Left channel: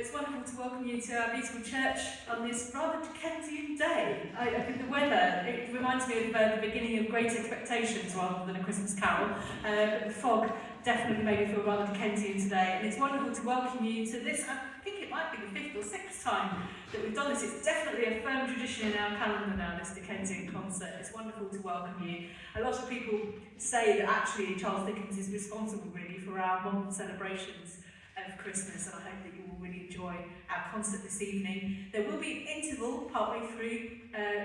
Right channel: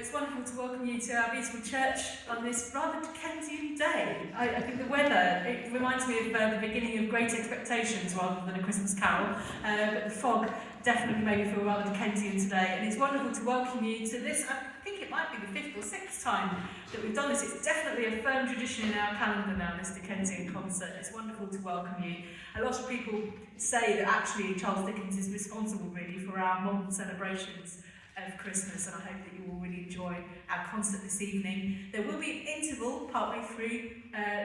It's wonderful to welcome you to our beautiful church on this rather Dickensian day. I think the weather, it reminds me of the beginning of Great Expectations rather than A Christmas Carol, but the fog definitely made me feel rather Dickensian today, and it's wonderful to welcome you to this. I think it might be the 5th or 6th time that we've done this. It's definitely a firm tradition in our calendar now, this Dickensian concert. It's wonderful to welcome you. A lot of people say that actually Charles Dickens is responsible really for our modern celebrations of Christmas, and I hope that you will really enjoy our concert this evening. There will be an interval partway through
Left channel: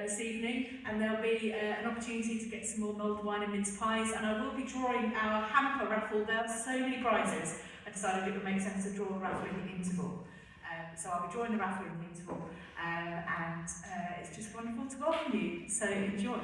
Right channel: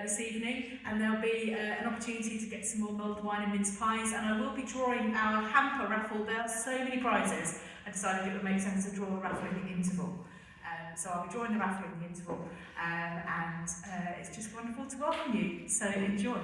this evening, and there'll be an opportunity to get some more mulled wine and mince pies, and I will be drawing our hamper raffle. There are so many prizes, I decided it would make sense to draw the raffle in the interval. So I'll be drawing the raffle in the interval, and it's just wonderful to welcome you, so enjoy.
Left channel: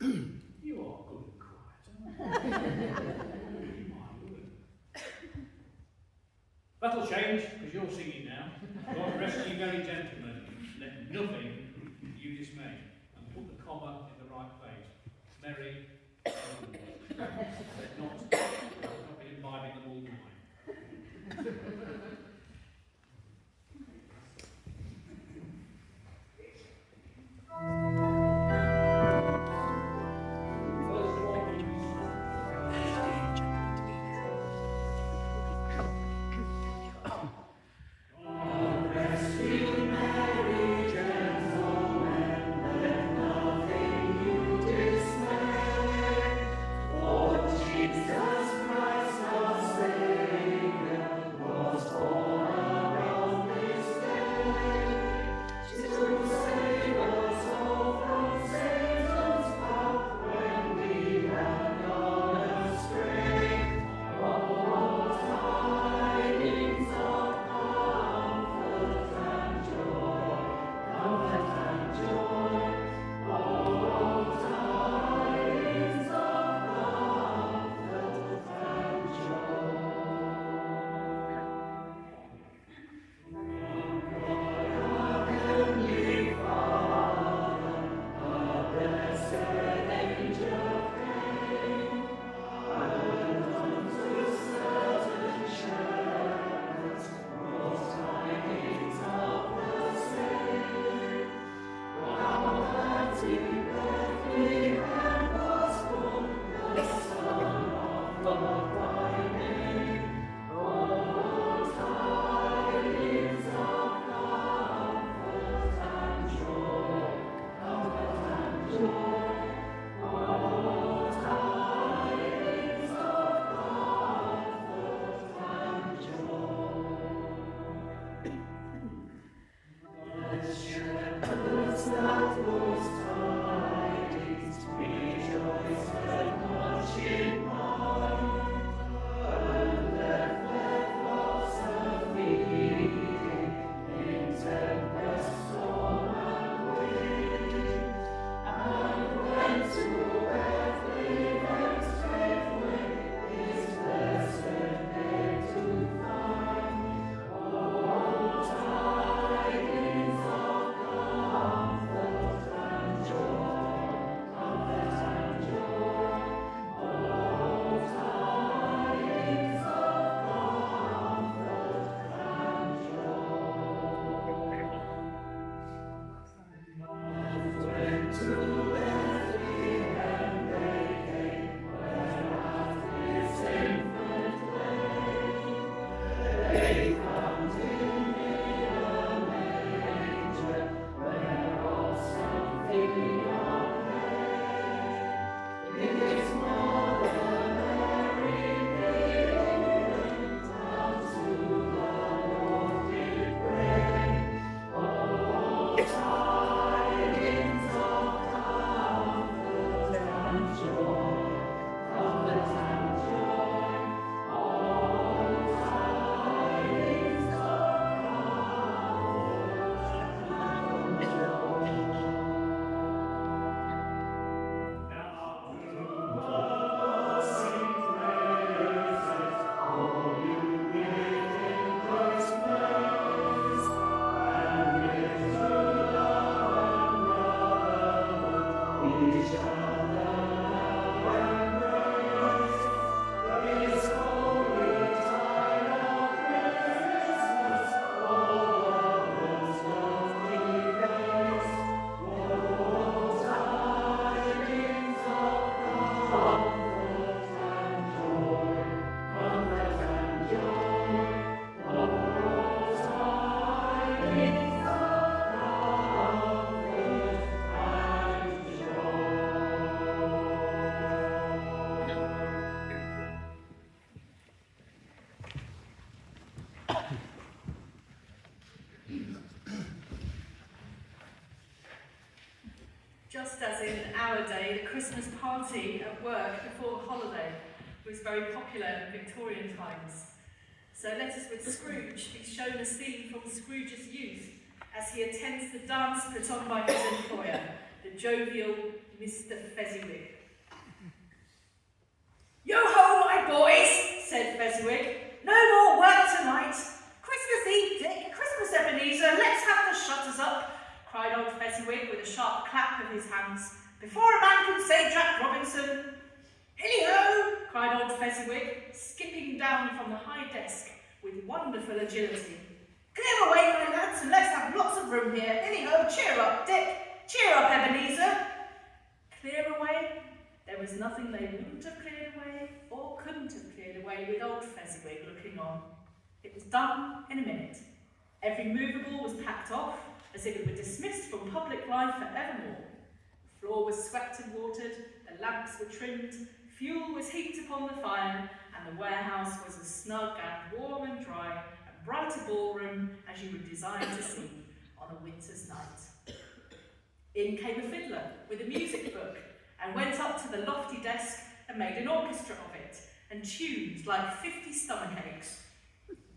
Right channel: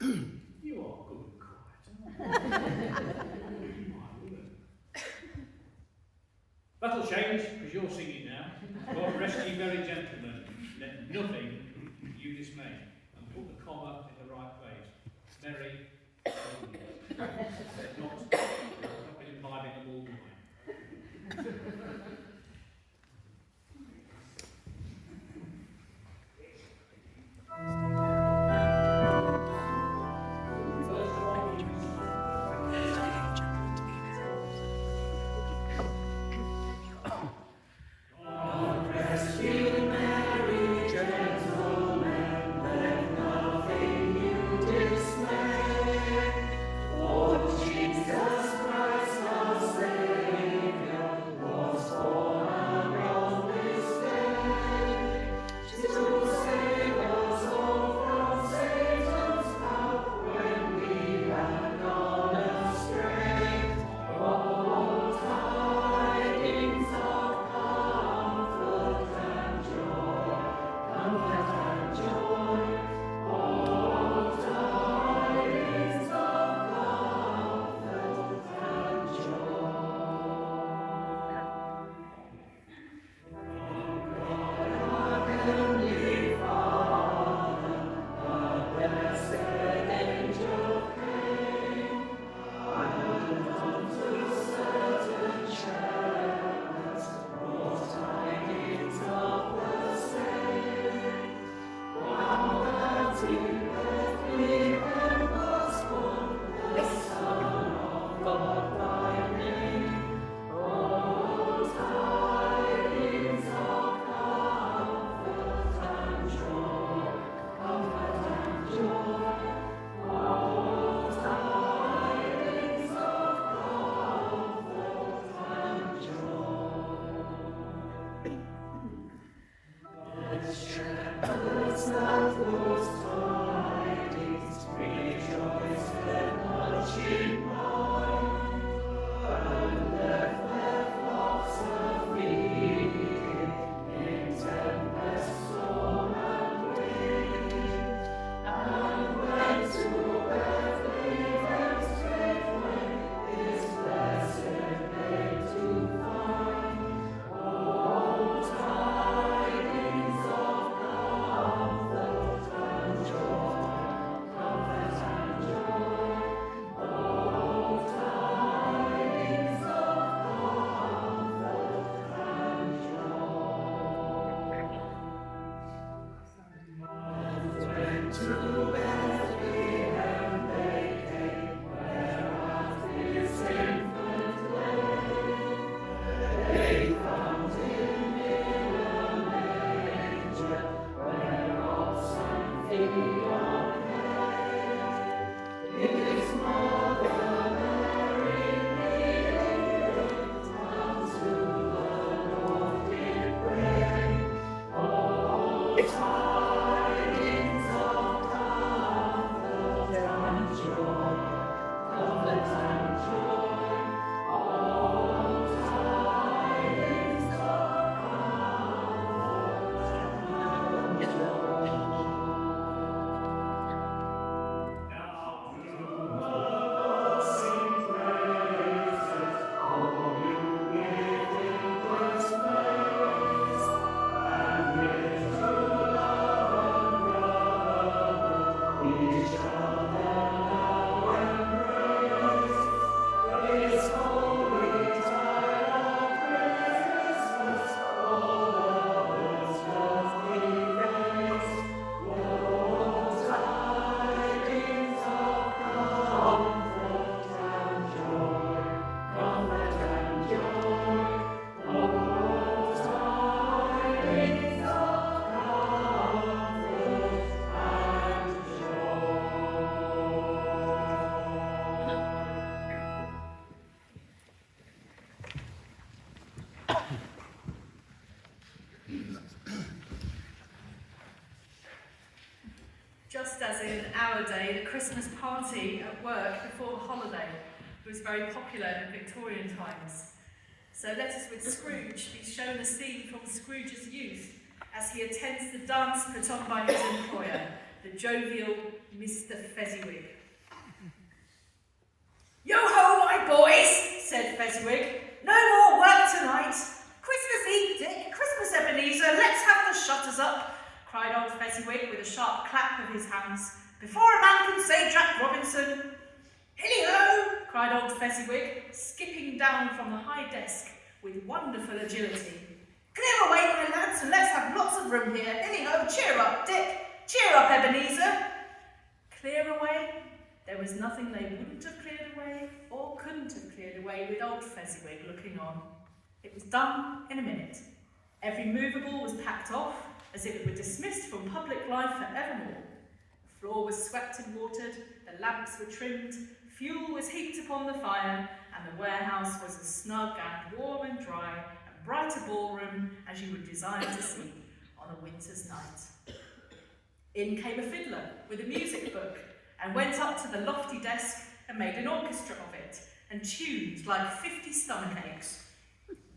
You are good and quiet, aren't you? My word. That'll change, because you're singing now. God rest ye merry gentlemen, let nothing you dismay. And put the comma in the right place. Merry gentlemen. Not be imbibing the mulled wine. Just as in our day, the Christmas party at work before the holiday was very popular in Victorian times. So let us with Scrooge be shown a scene from Scrooge's youth as he attends the dance put on by his employer, the the jovial Mr. Fezziwig. "Yo-ho, my boys," said Fezziwig. "No more work tonight. Christmas Eve, Dick, Christmas Ebenezer, let's have the shutters up," cried old Fezziwig with a sharp clap of his hands. "Before a man can say Jack Robinson." "Hilly-ho!" cried old Fezziwig, skipping down from the high desk with wonderful agility. "Clear away, my lads, and let's have lots of room here. Hilly-ho, cheer up, Dick. Cheer up, Ebenezer." Clear away? There was nothing they wouldn't have cleared away or couldn't have cleared away with old Fezziwig looking on. It was done in a minute. Every movable was packed off as if it were dismissed from public life for evermore. The floor was swept and watered, the lamps were trimmed, fuel was heaped upon the fire, and the warehouse was as snug and warm and dry and bright a ballroom as you would desire to see on a winter's night. In came a fiddler with a music book and went up to the lofty desk and made an orchestra of it and tuned like 50 stomachaches.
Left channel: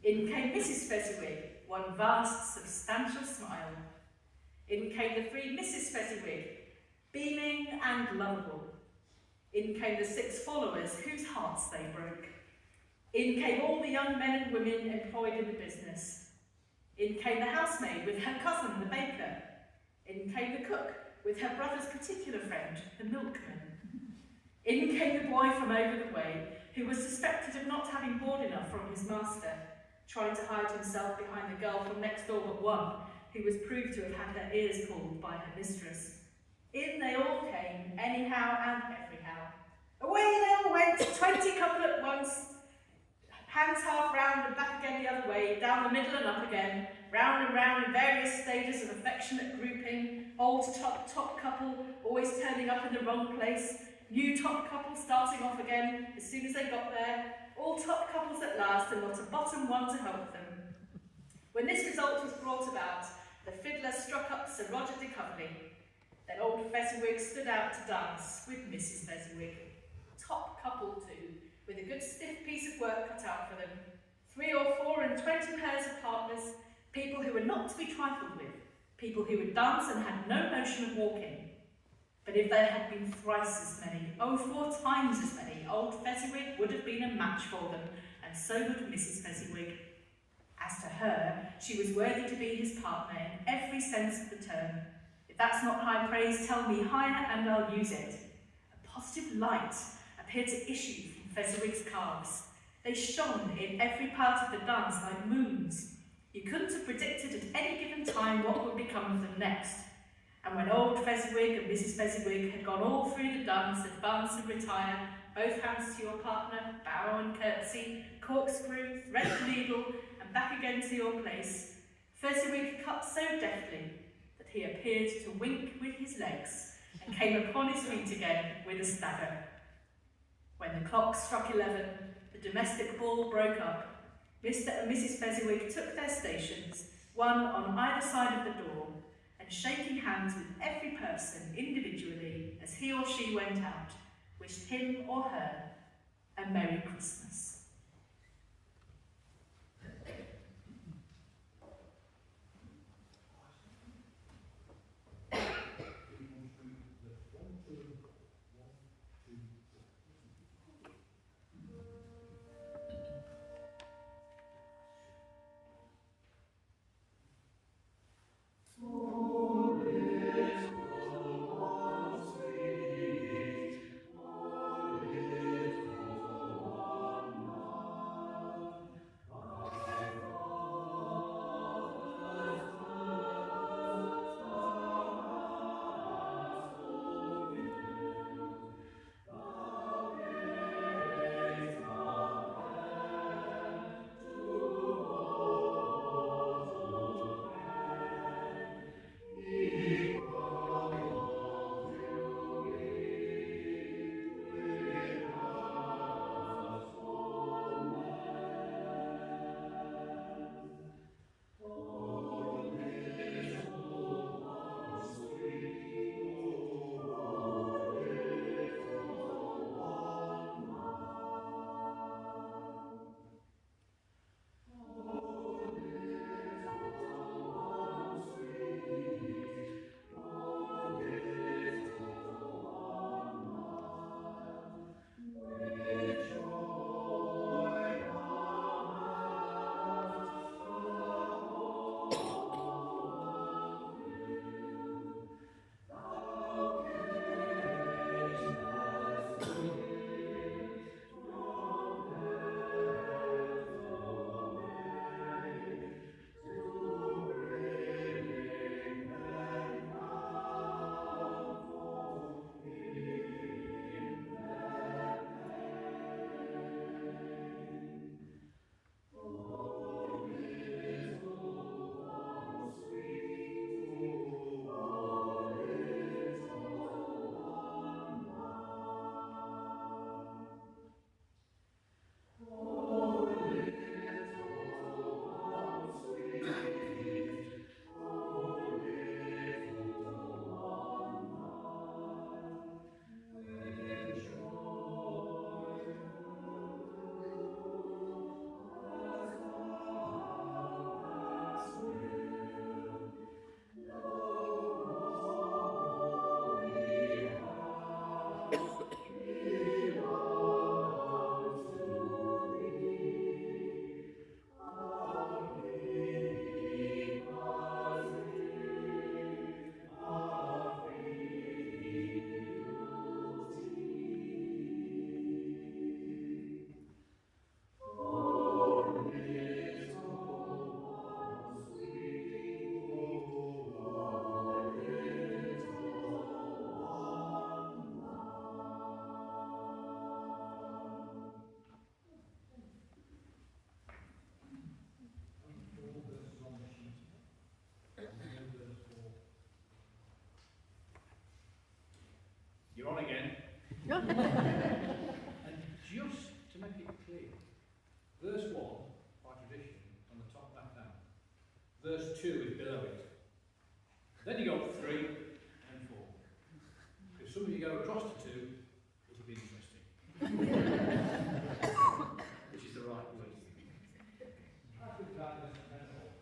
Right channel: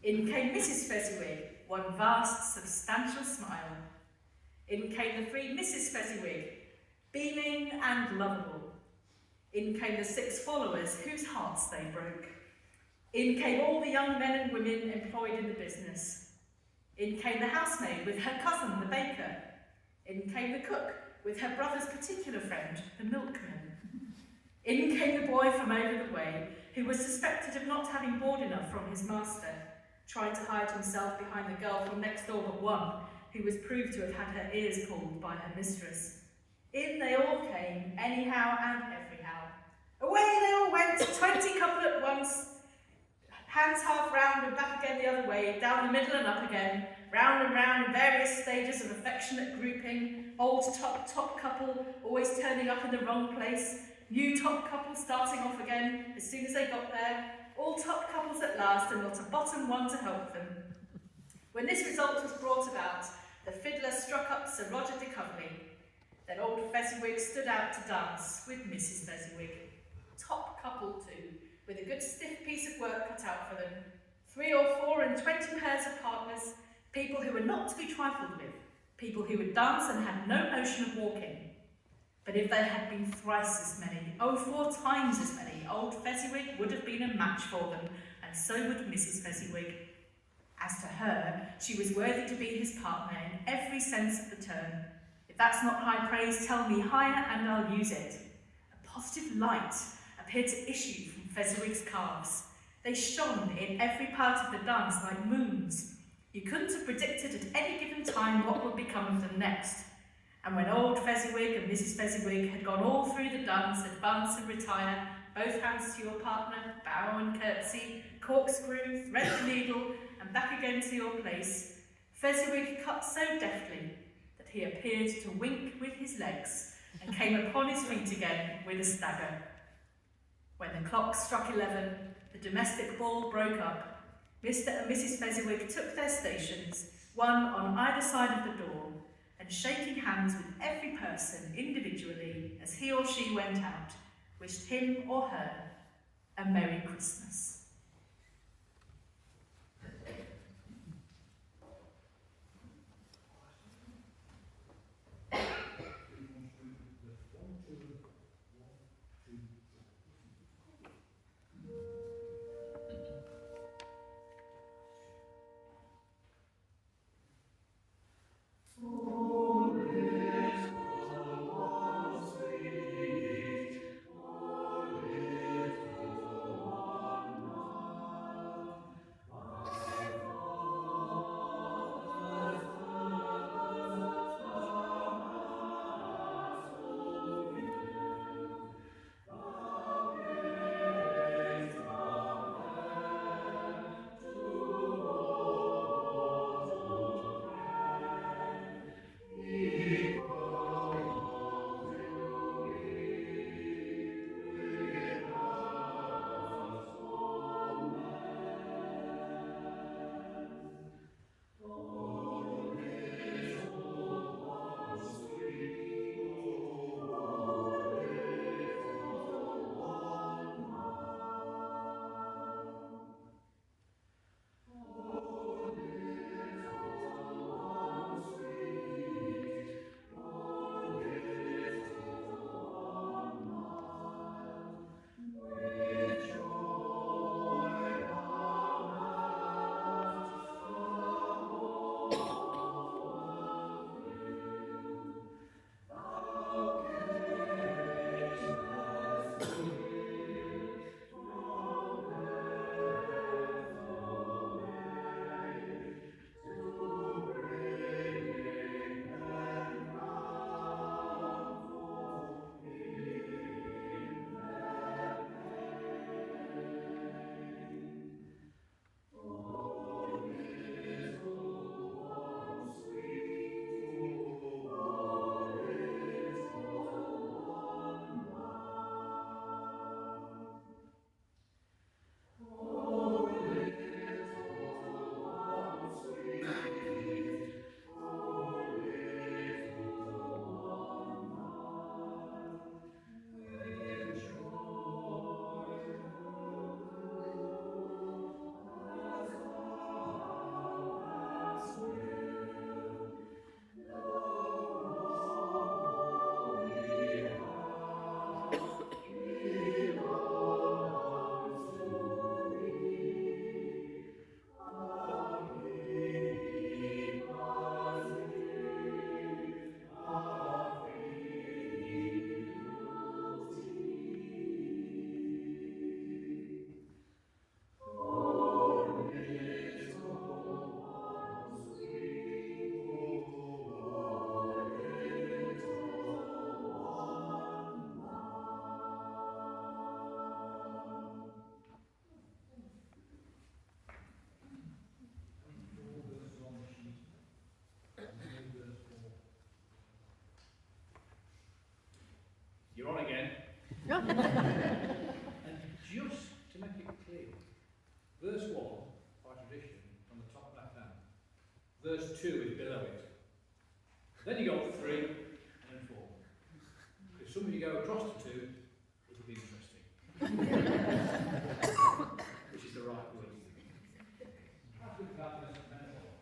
In came Mrs. Fezziwig, one vast, substantial smile. In came the three Mrs. Fezziwig, beaming and lovable. In came the 6 followers whose hearts they broke. In came all the young men and women employed in the business. In came the housemaid with her cousin, the baker. In came the cook with her brother's particular friend, the milkman. In came the boy from over the way, who was suspected of not having board enough from his master, trying to hide himself behind the girl from next door but one, who was proved to have had her ears pulled by her mistress. In they all came, anyhow and everyhow. Away they all went, 20 couple at once, hands half round and back again the other way, down the middle and up again, round and round in various stages of affectionate grouping, old top couple always turning up in the wrong place, new top couple starting off again as soon as they got there, all top couples at last and not a bottom one to help them. When this result was brought about, the fiddler struck up Sir Roger de Coverley. Then old Fezziwig stood out to dance with Mrs. Fezziwig. Top couple too, with a good stiff piece of work cut out for them. 3 or 4 and 20 pairs of partners, people who were not to be trifled with, people who would dance and had no notion of walking. But if there had been thrice as many, 4 times as many, old Fezziwig would have been a match for them, and so would Mrs. Fezziwig. As to her, she was worthy to be his partner in every sense of the term. If that's not high praise, tell me higher and I'll use it. A positive light appeared to issue from Fezziwig's calves. They shone in every part of the dance like moons. You couldn't have predicted at any given time what would become of them next. And when old Fezziwig and Mrs. Fezziwig had gone all through the dance, advance and retire, both hands to your partner, bow and curtsy, corkscrew, thread the needle, and back again to your place, Fezziwig cut so deftly that he appeared to wink with his legs and came upon his feet again with a stagger. When the clock struck 11, the domestic ball broke up. Mr. and Mrs. Fezziwig took their stations, one on either side of the door, and shaking hands with every person individually as he or she went out, wished him or her a Merry Christmas. Verse 1, by tradition, on the top left hand. Verse 2 is below it. Then you go up 3 and then 4. If some of you go across to 2, it'll be interesting. Which is the right word. How good gladness and metaphor.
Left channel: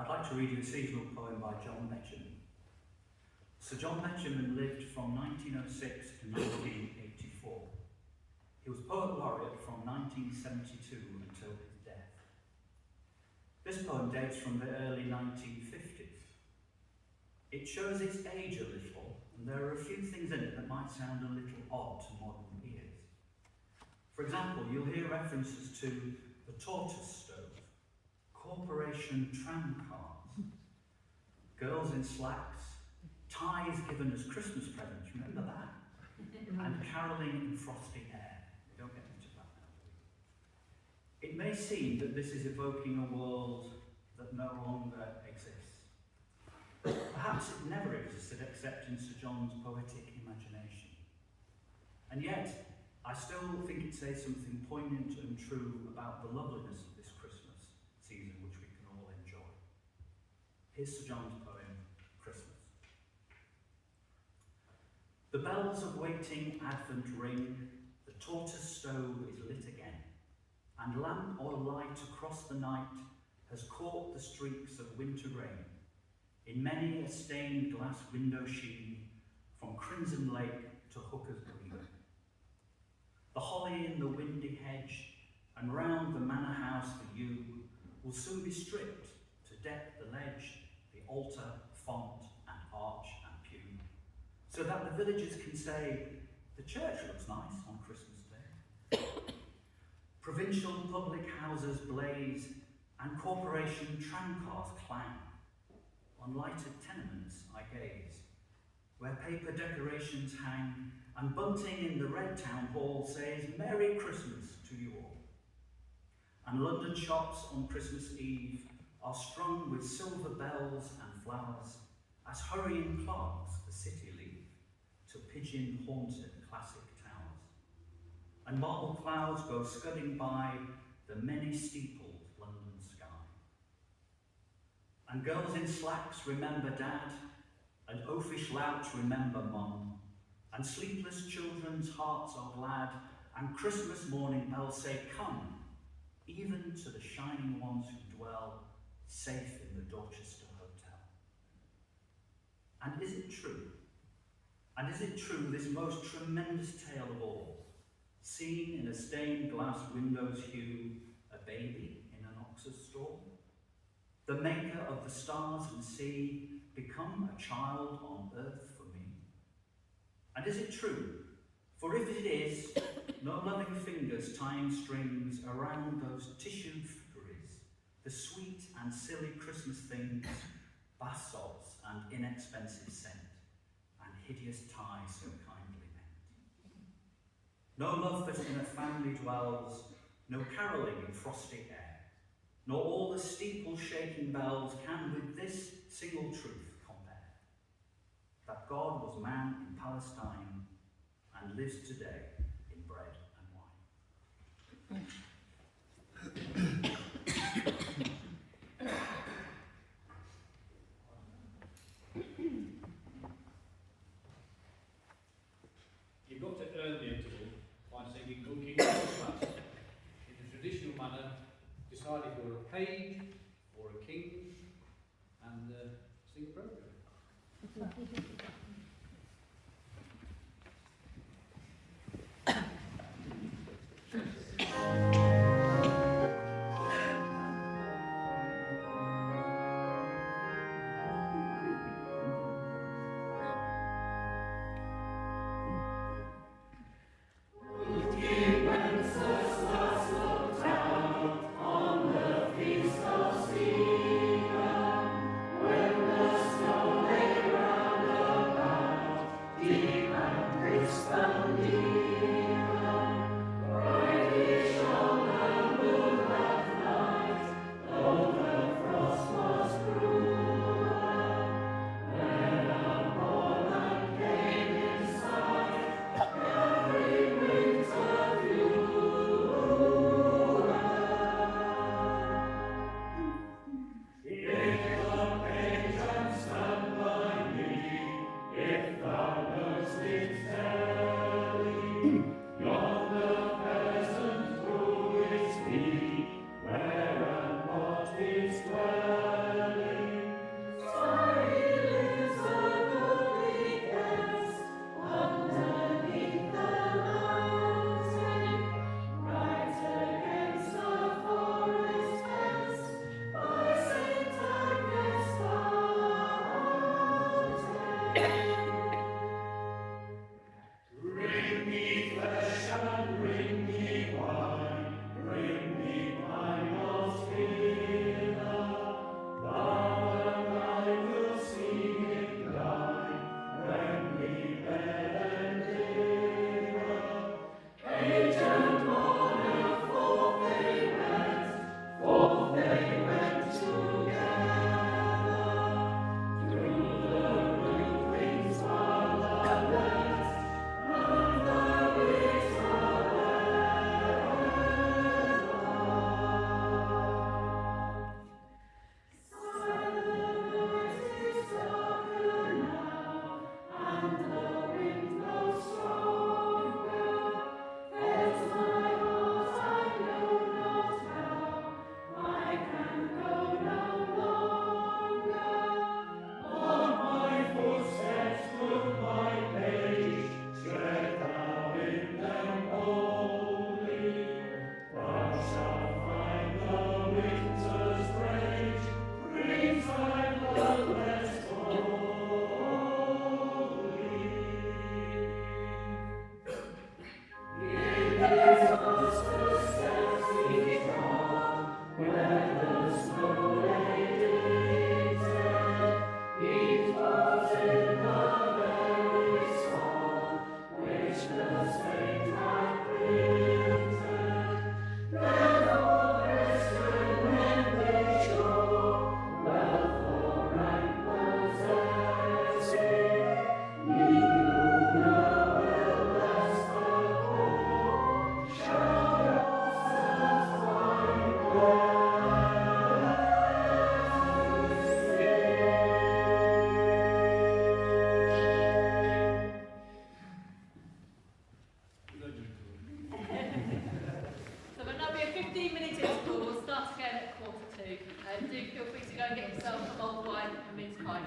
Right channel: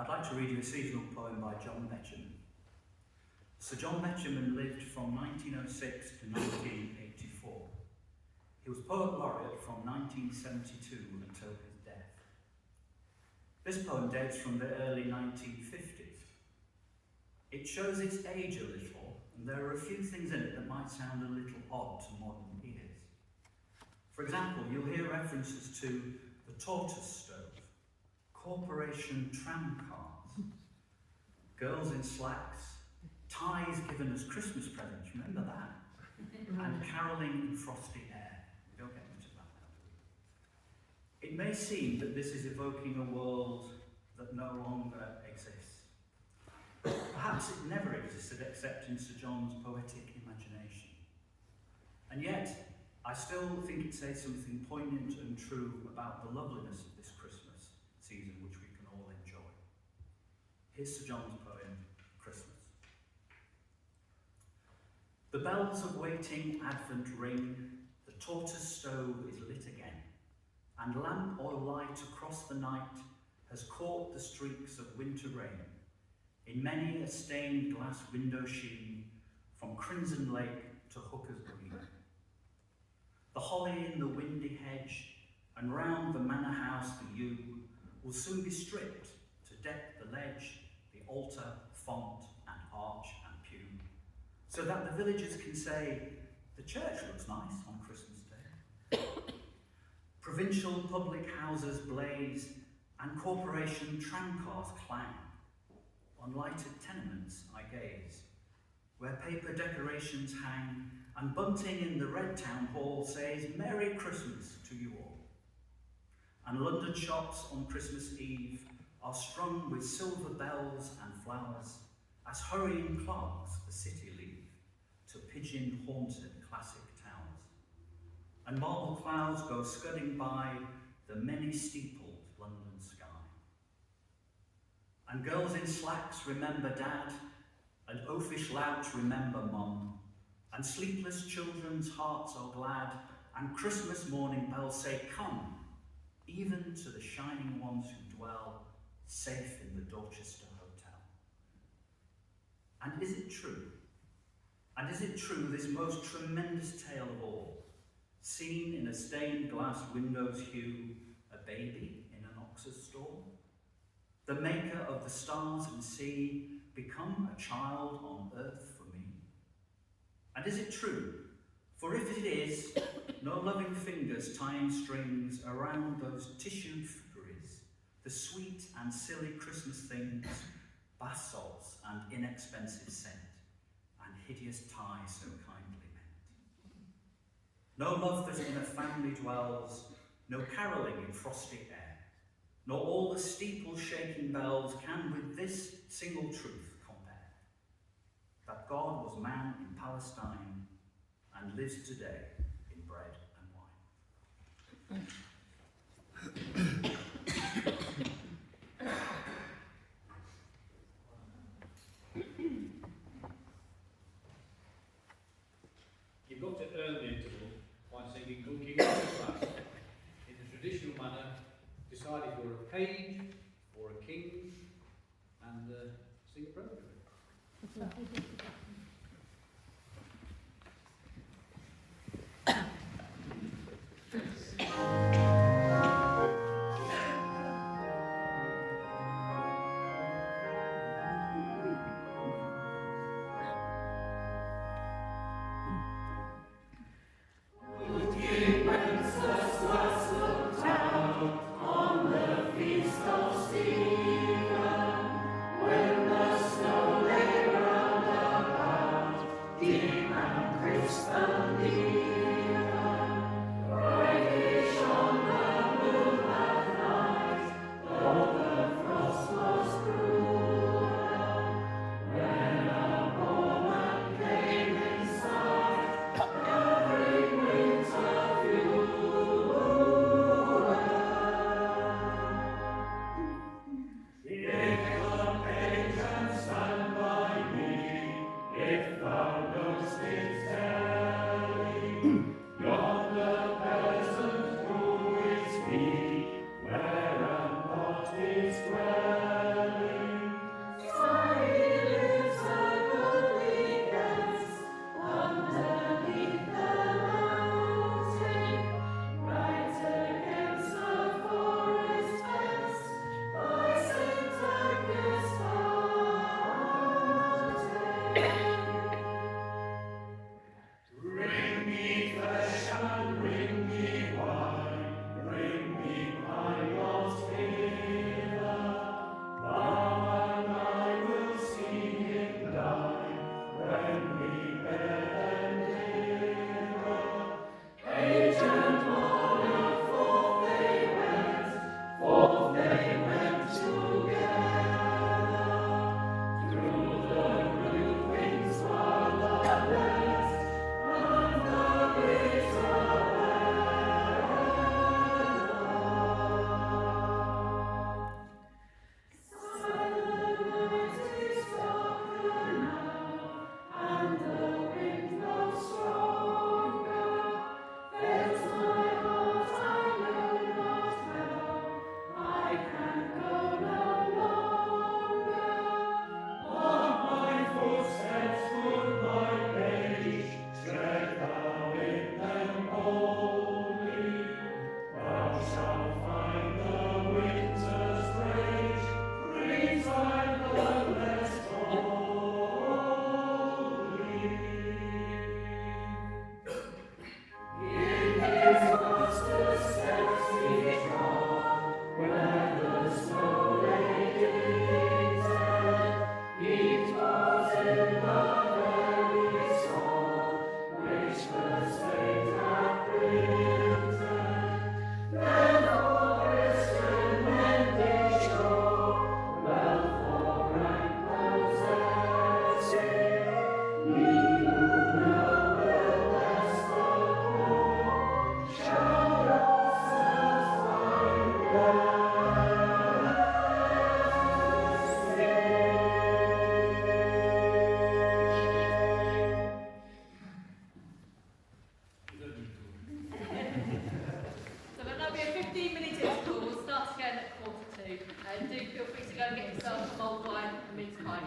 I'd like to read you a seasonal poem by John Betjeman. Sir John Betjeman lived from 1906 to 1984. He was Poet Laureate from 1972 until his death. This poem dates from the early 1950s. It shows its age a little, and there are a few things in it that might sound a little odd to modern ears. For example, you'll hear references to the tortoise stove, corporation tram cars, girls in slacks, ties given as Christmas presents, remember that? And caroling in frosty air. We don't get into that now. It may seem that this is evoking a world that no longer exists. Perhaps it never existed except in Sir John's poetic imagination. And yet, I still think it says something poignant and true about the loveliness of this Christmas season which we can all enjoy. Here's Sir John's poem, Christmas. The bells of waiting Advent ring, the tortoise stove is lit again, and lamp oil light across the night has caught the streaks of winter rain in many a stained glass window sheen from Crimson Lake to Hooker's Green. The holly in the windy hedge and round the manor house the yew will soon be stripped to deck the ledge, the altar, font and arch and pew, so that the villagers can say, the church looks nice on Christmas Day. Provincial public houses blaze and corporation tramcars clang. On lighted tenements I gaze, where paper decorations hang, and bunting in the red town hall says, Merry Christmas to you all. And London shops on Christmas Eve are strung with silver bells and flowers, as hurrying clerks the city leave to pigeon-haunted classic towers. And marble clouds go scudding by the many-steepled London sky. And girls in slacks remember Dad, and oafish louts remember Mum, and sleepless children's hearts are glad, and Christmas morning bells say, come, even to the shining ones who dwell safe in the Dorchester Hotel. And is it true? And is it true, this most tremendous tale of all, seen in a stained glass window's hue, a baby in an ox's stall? The maker of the stars and sea become a child on earth for me? And is it true? For if it is, no loving fingers tying strings around those tissued figgeries, the sweet and silly Christmas things, bath salts and inexpensive scent, and hideous tie so kindly meant. No love that in a family dwells, no caroling in frosty air, nor all the steeple-shaking bells can with this single truth compare, that God was man in Palestine and lives today in bread and wine. You've got to earn the interval by singing Good King Wenceslas in the traditional manner, decided you're a page or a king, and sing appropriately. When the snow lay round and get yourself some old wine and mince pie.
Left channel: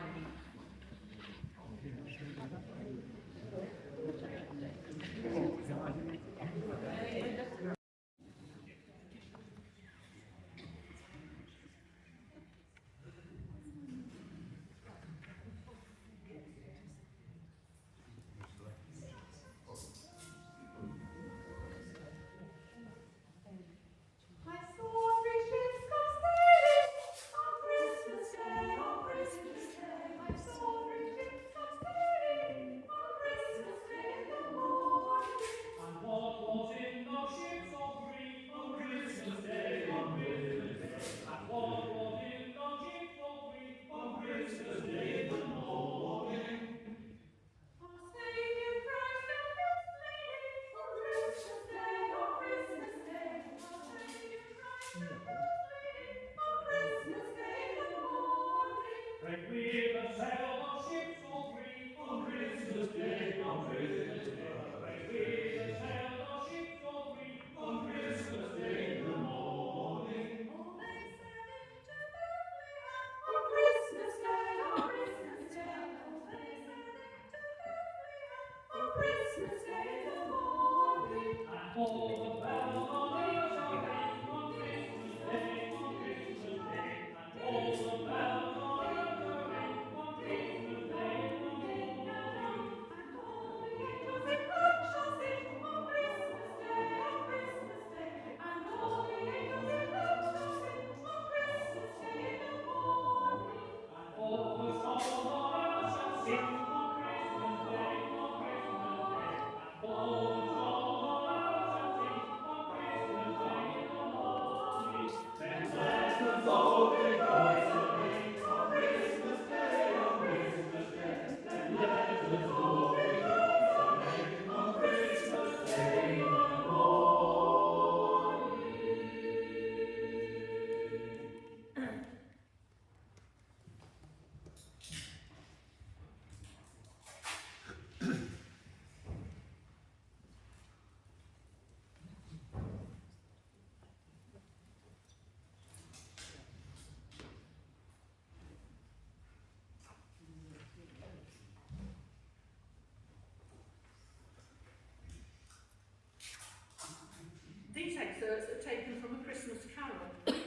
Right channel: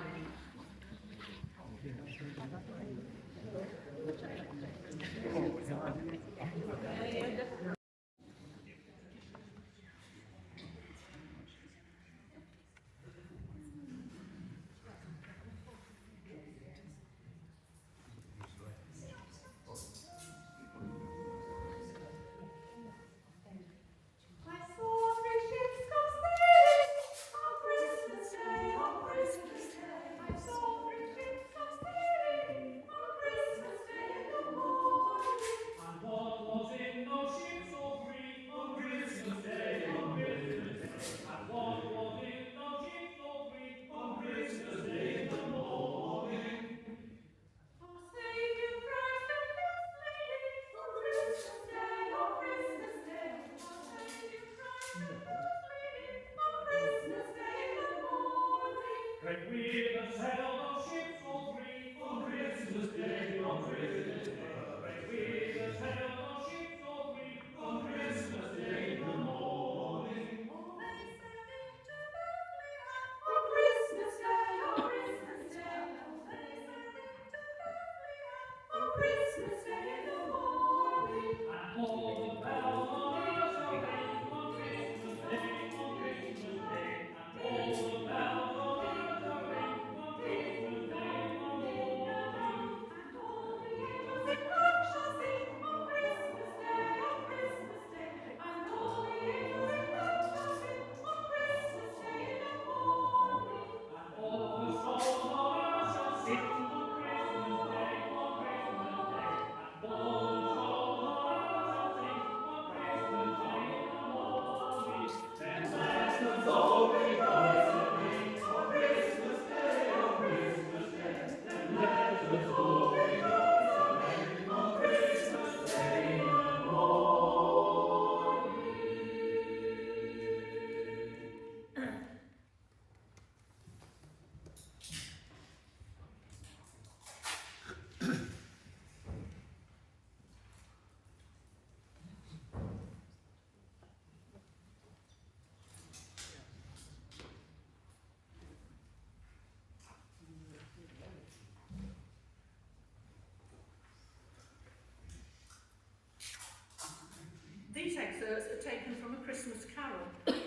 These excerpts are taken from A Christmas Carol.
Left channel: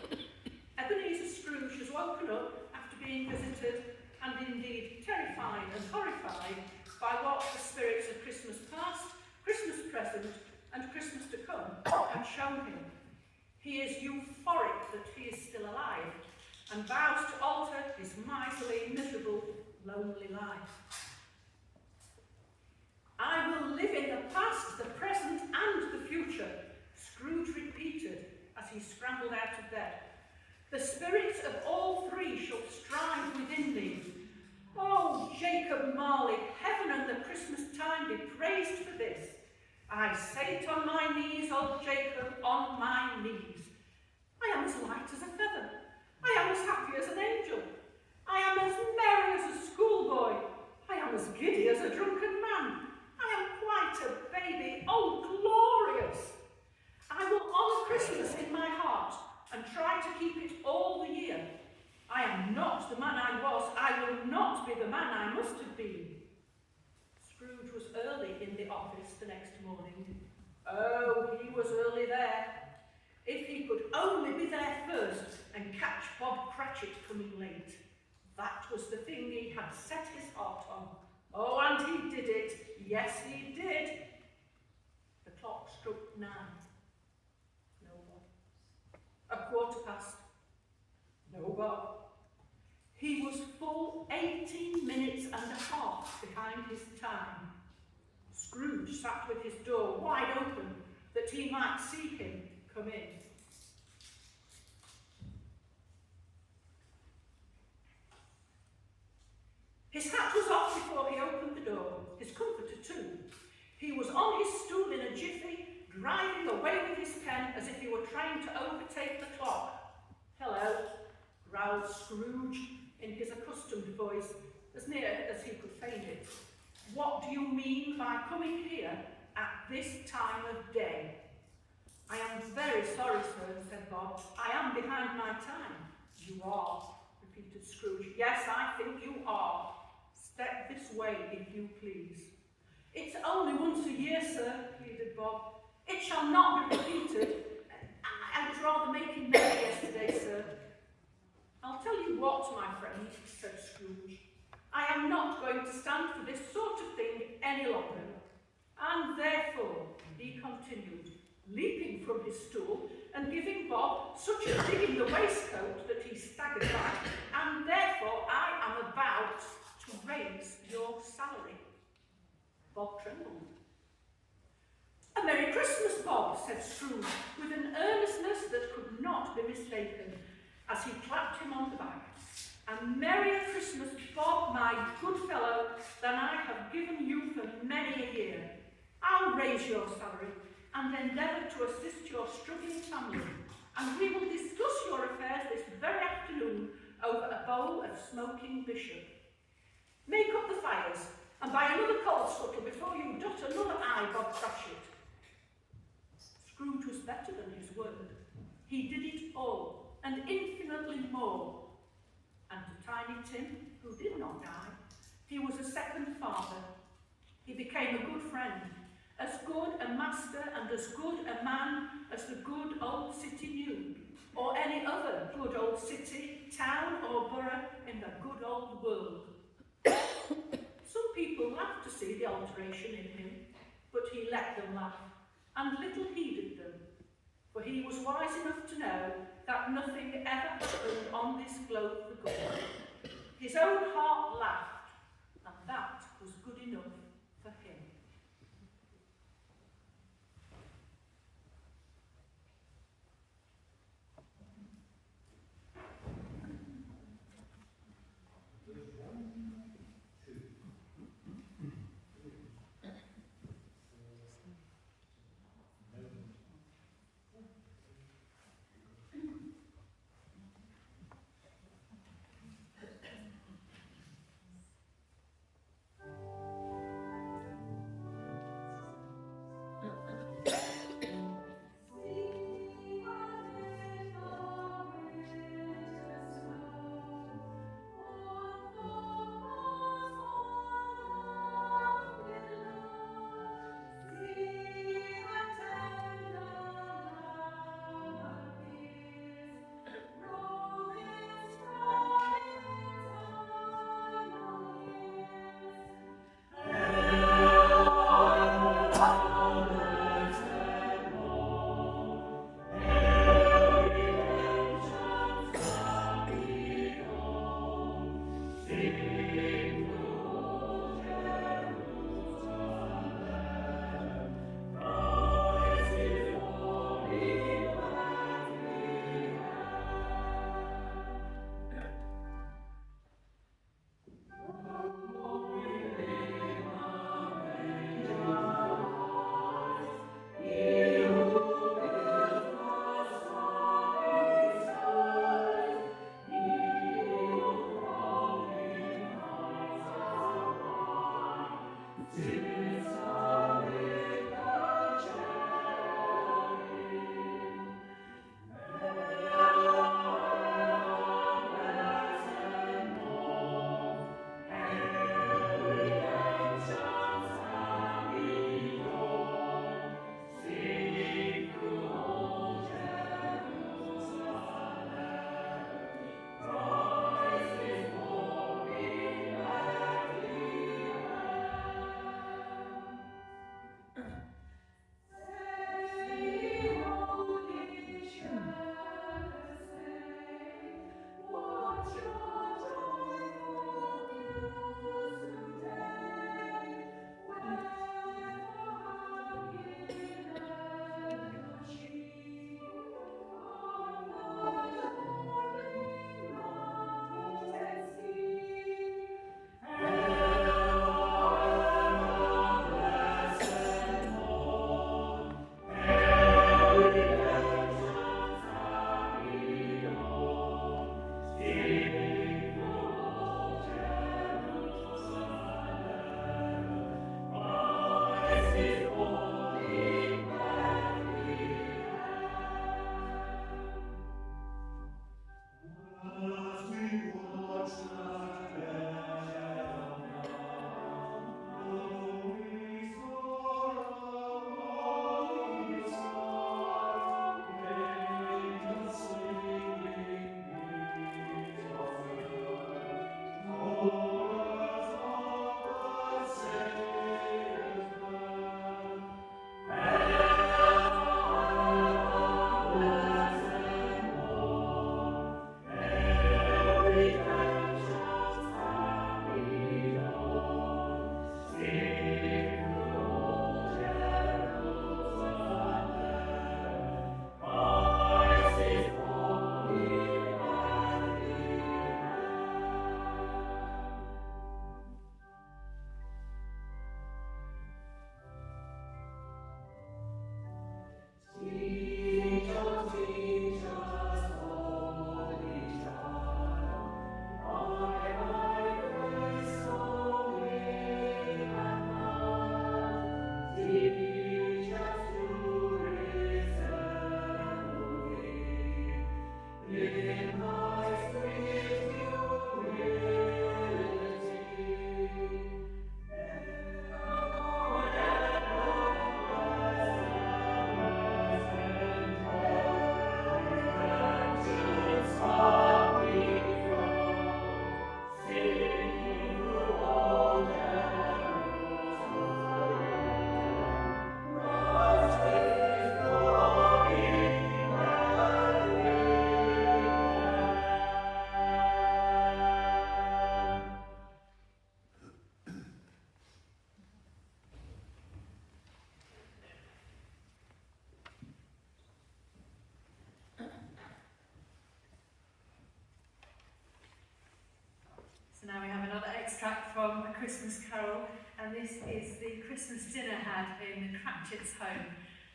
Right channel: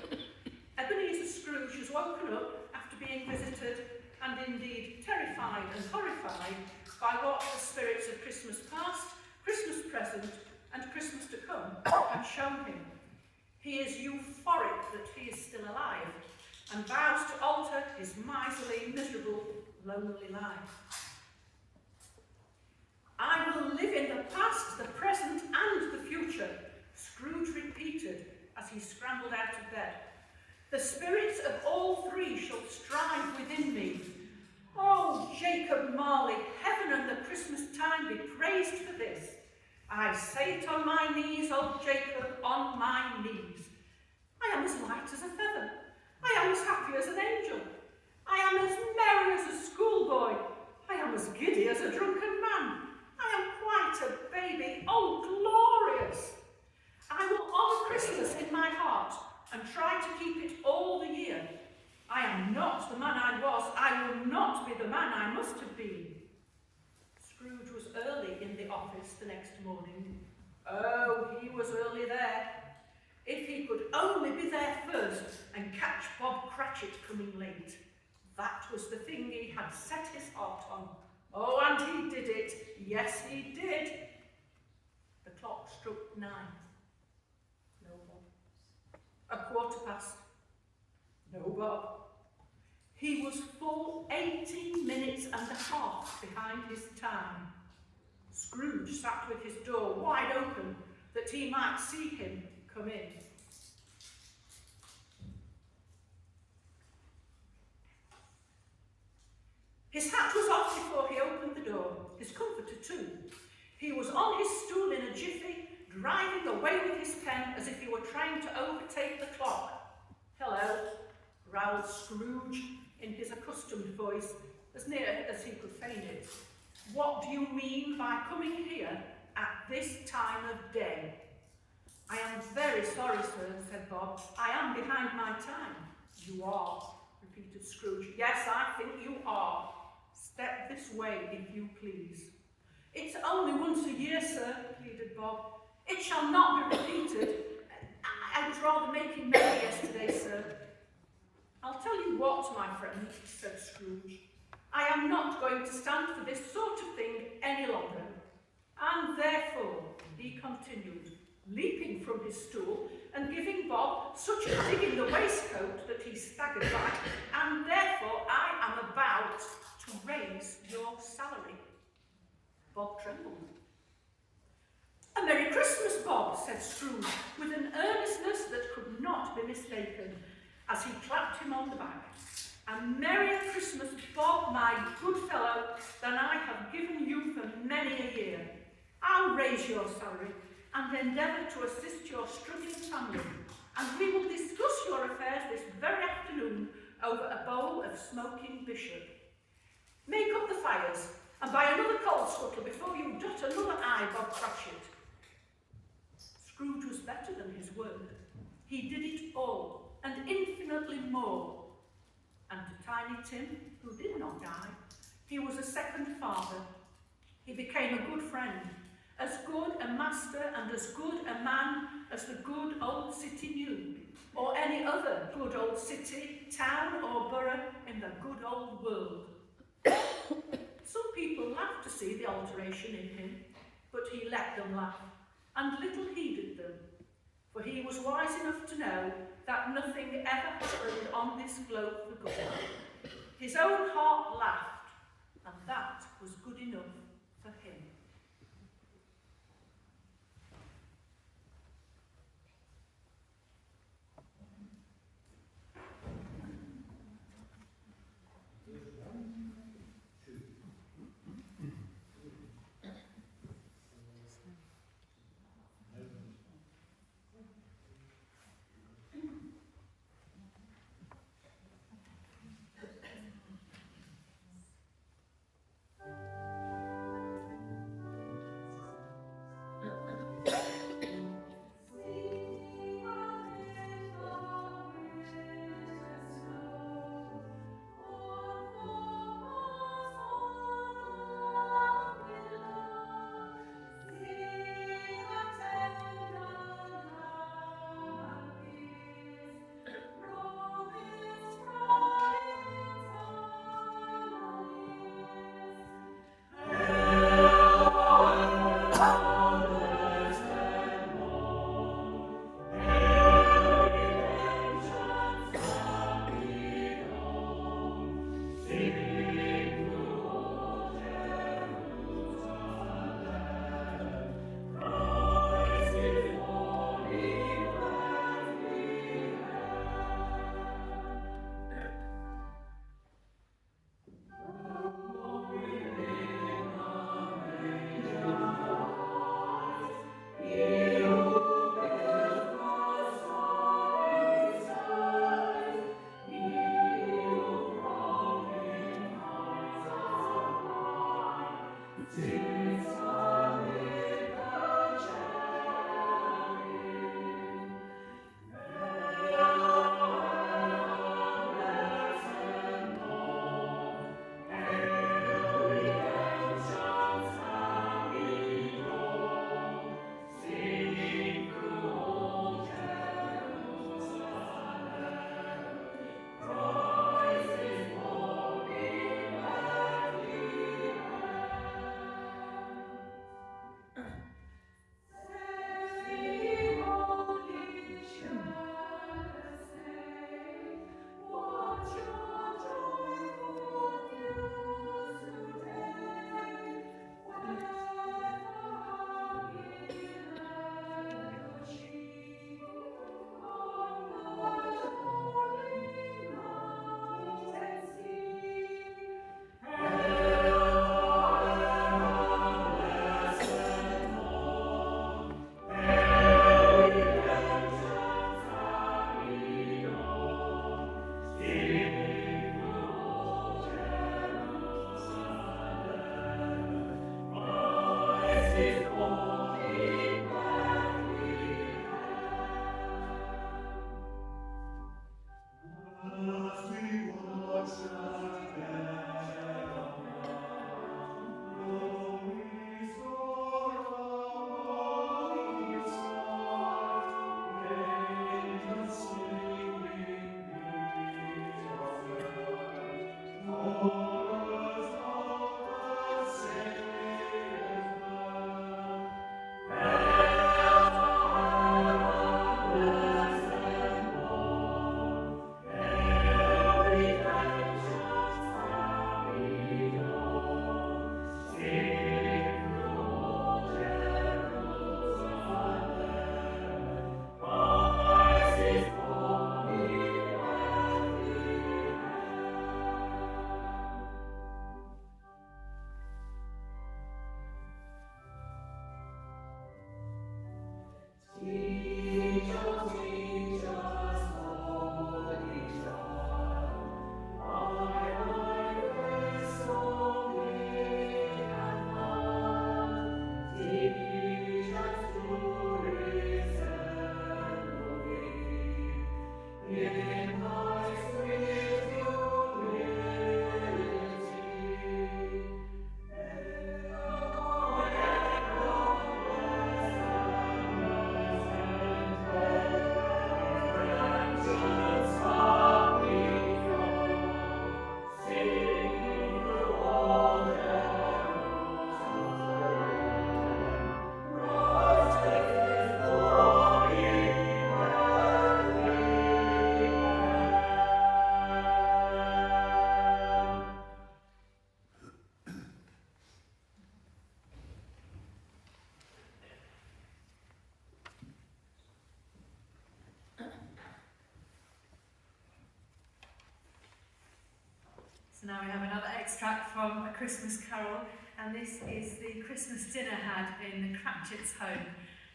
Ebenezer Scrooge was woken up after being visited and indeed terrified and horrified by what the spirits of Christmas past, Christmas present and Christmas to come had shown him. He is euphoric that he is still alive and vows to alter his miserly, miserable, lonely life. I will live in the past, the present and the future, Scrooge repeated as he scrambled out of bed. The spirits of all three shall strive within me. Oh, Jacob Marley, heaven and the Christmas time be praised for this. I say it on my knees, old Jacob, on my knees. I am as light as a feather. I am as happy as an angel. I am as merry as a schoolboy. I am as giddy as a drunken man. I am quite a baby. Oh, glorious! I will honour Christmas in my heart and try to keep it all the year. I am not the man I was. I will not be the man I must have been. Scrooge was early in the office the next morning. Oh, he was early there. If he could only be there first and catch Bob Cratchit coming late. That was the thing he had set his heart on. Oh, and he did it. Yes, he did. The clock struck 9. No Bob. 1:15. No Bob. He was full 18 minutes and a half behind his time. Scrooge sat with his door wide open that he might see him come in. His hat was off before he opened the door, his comforter too. He was on his stool in a jiffy, driving away with his pen as if he were trying to overtake the clock. Hello, growled Scrooge in his accustomed voice, as near as he could feign it. What do you mean by coming here at this time of day? I am very sorry, sir, said Bob. I am behind my time. You are, repeated if you please. It's only once a year, sir, pleaded Bob. It shall not be repeated. I was rather making merry yesterday, sir. I'll tell you what, my friend, said Scrooge. I am not going to stand for this sort of thing any longer. And therefore, he continued, leaping from his stool and giving Bob such a dig in the waistcoat that he staggered back, and therefore I am about to raise your salary. Bob trembled. A Merry Christmas, Bob, said Scrooge, with an earnestness that could not be mistaken, as he clapped him on the back. A Merrier Christmas, Bob, my good fellow, than I have given you for many a year. I'll raise your salary and endeavour to assist your struggling family, and we will discuss your affairs this very afternoon over a bowl of smoking bishop. Make up the fires, and buy another coal scuttle before you dot another I, Bob Cratchit. Scrooge was better than his word. He did it all, and infinitely more. And to Tiny Tim, who did not die, he was a second father. He became a good friend, as good a master and as good a man as the good old city knew, or any other good old city, town or borough in the good old world. Some people laughed to see the alteration in him, but he let them laugh, and little heeded them, for he was wise enough to know that nothing ever happened on this globe for good. His own heart laughed, and that was good enough for him. So now we have another extract from A Christmas Carol, and this is the Christmas dinner had in the Cratchit's home.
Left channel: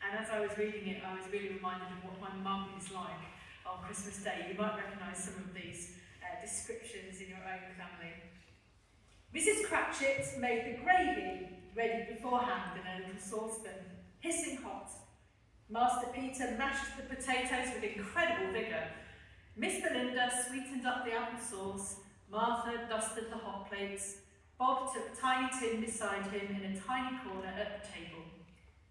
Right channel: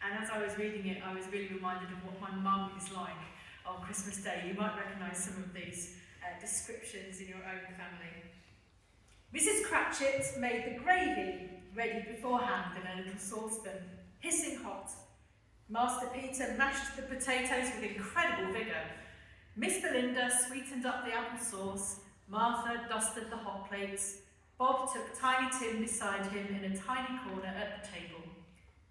And as I was reading it, I was really reminded of what my mum is like on Christmas Day. You might recognise some of these descriptions in your own family. Mrs. Cratchit made the gravy ready beforehand in a little saucepan, hissing hot. Master Peter mashed the potatoes with incredible vigour. Miss Belinda sweetened up the apple sauce. Martha dusted the hot plates. Bob took Tiny Tim beside him in a tiny corner at the table.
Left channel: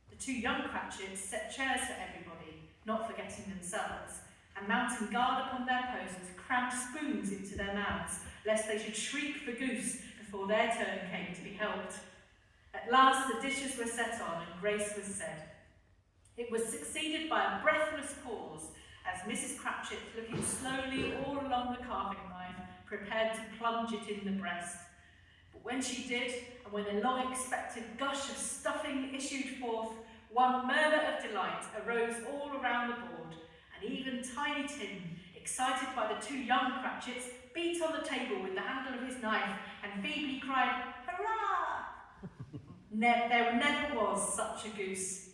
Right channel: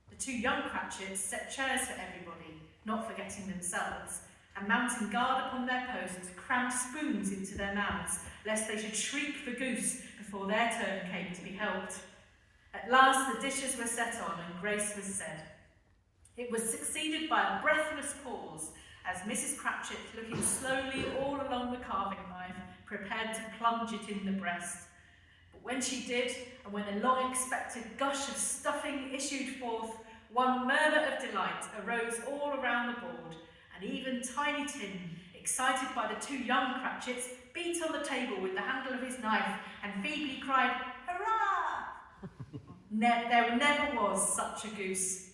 The two young Cratchits set chairs for everybody, not forgetting themselves, and mounting guard upon their posts, crammed spoons into their mouths, lest they should shriek for goose before their turn came to be helped. At last the dishes were set on and grace was said. It was succeeded by a breathless pause as Mrs. Cratchit, looking slowly all along the carving knife, prepared to plunge it in the breast. But when she did, and when a long-expected gush of stuffing issued forth, one murmur of delight arose all around the board, and even Tiny Tim, excited by the two young Cratchits, beat on the table with the handle of his knife and feebly cried, "Hurrah!" There never was such a goose.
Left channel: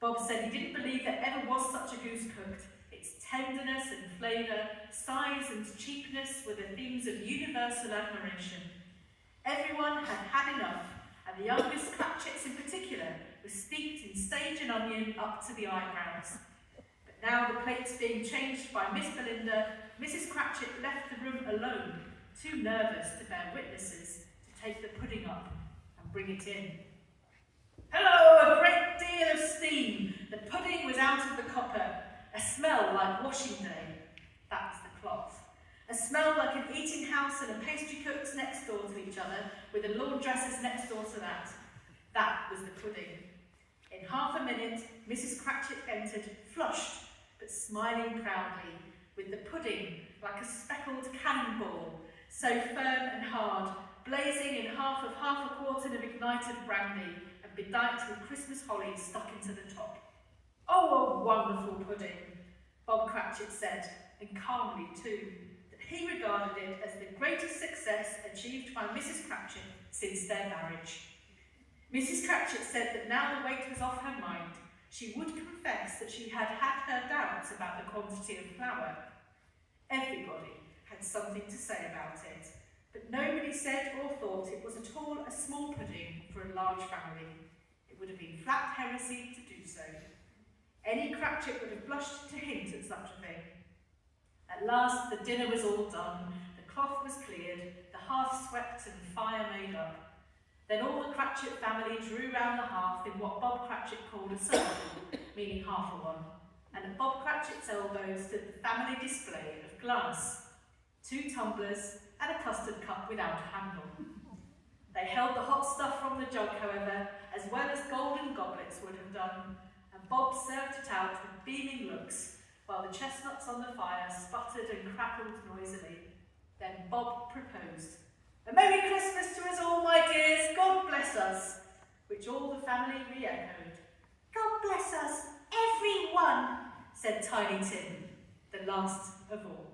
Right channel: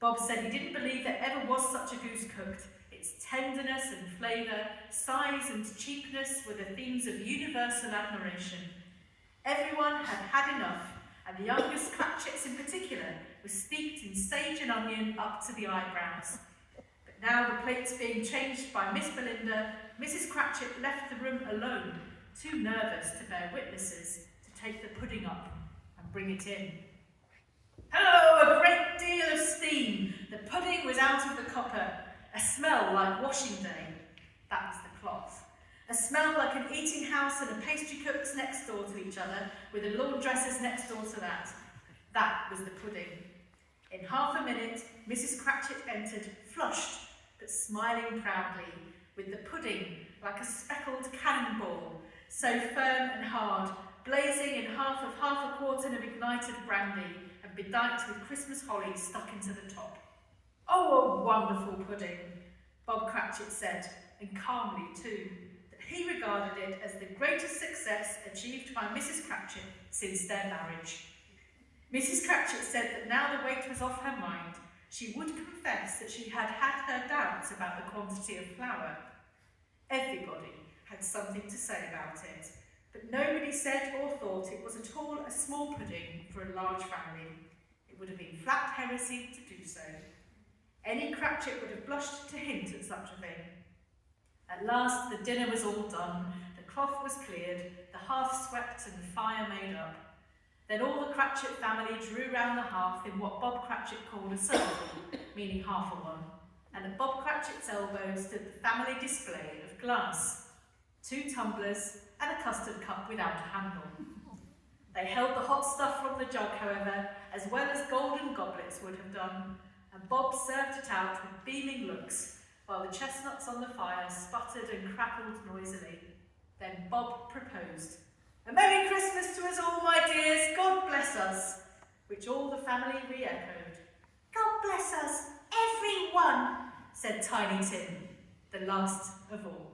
Bob said he didn't believe there ever was such a goose cooked. Its tenderness and flavour, size and cheapness were the themes of universal admiration. Everyone had had enough, and the youngest Cratchits in particular were steeped in sage and onion up to the eyebrows. But now, the plates being changed by Miss Belinda, Mrs. Cratchit left the room alone, too nervous to bear witnesses, to take the pudding up and bring it in. Hello, a great deal of steam. The pudding was out of the copper, a smell like washing day. That was the cloth. A smell like an eating house and a pastry cook's next door to each other, with a laundress's next door to that. That was the pudding. In half a minute, Mrs. Cratchit entered, flushed, but smiling proudly, with the pudding like a speckled cannonball, so firm and hard, blazing in half a quartern of ignited brandy, and bedight with Christmas hollies stuck into the top. Oh, a wonderful pudding, Bob Cratchit said, and calmly too, that he regarded it as the greatest success achieved by Mrs. Cratchit since their marriage. Mrs. Cratchit said that now the weight was off her mind, she would confess that she had had her doubts about the quantity of flour. Everybody had something to say about it, but nobody said or thought it was at all a small pudding for a large family. It would have been flat heresy to do so. Any Cratchit would have blushed to hint at such a thing. At last the dinner was all done, the cloth was cleared, the hearth swept and the fire made up. Then all the Cratchit family drew round the hearth in what Bob Cratchit called a circle, meaning half a one, and at Bob Cratchit's elbow stood the family display of glass, 2 tumblers and a custard cup without a handle. They held the hot stuff from the jug, however, as well as golden goblets would have done, and Bob served it out with beaming looks, while the chestnuts on the fire sputtered and crackled noisily. Then Bob proposed, "A Merry Christmas to us all, my dears, God bless us," which all the family re-echoed. "God bless us, every one," said Tiny Tim, the last of all.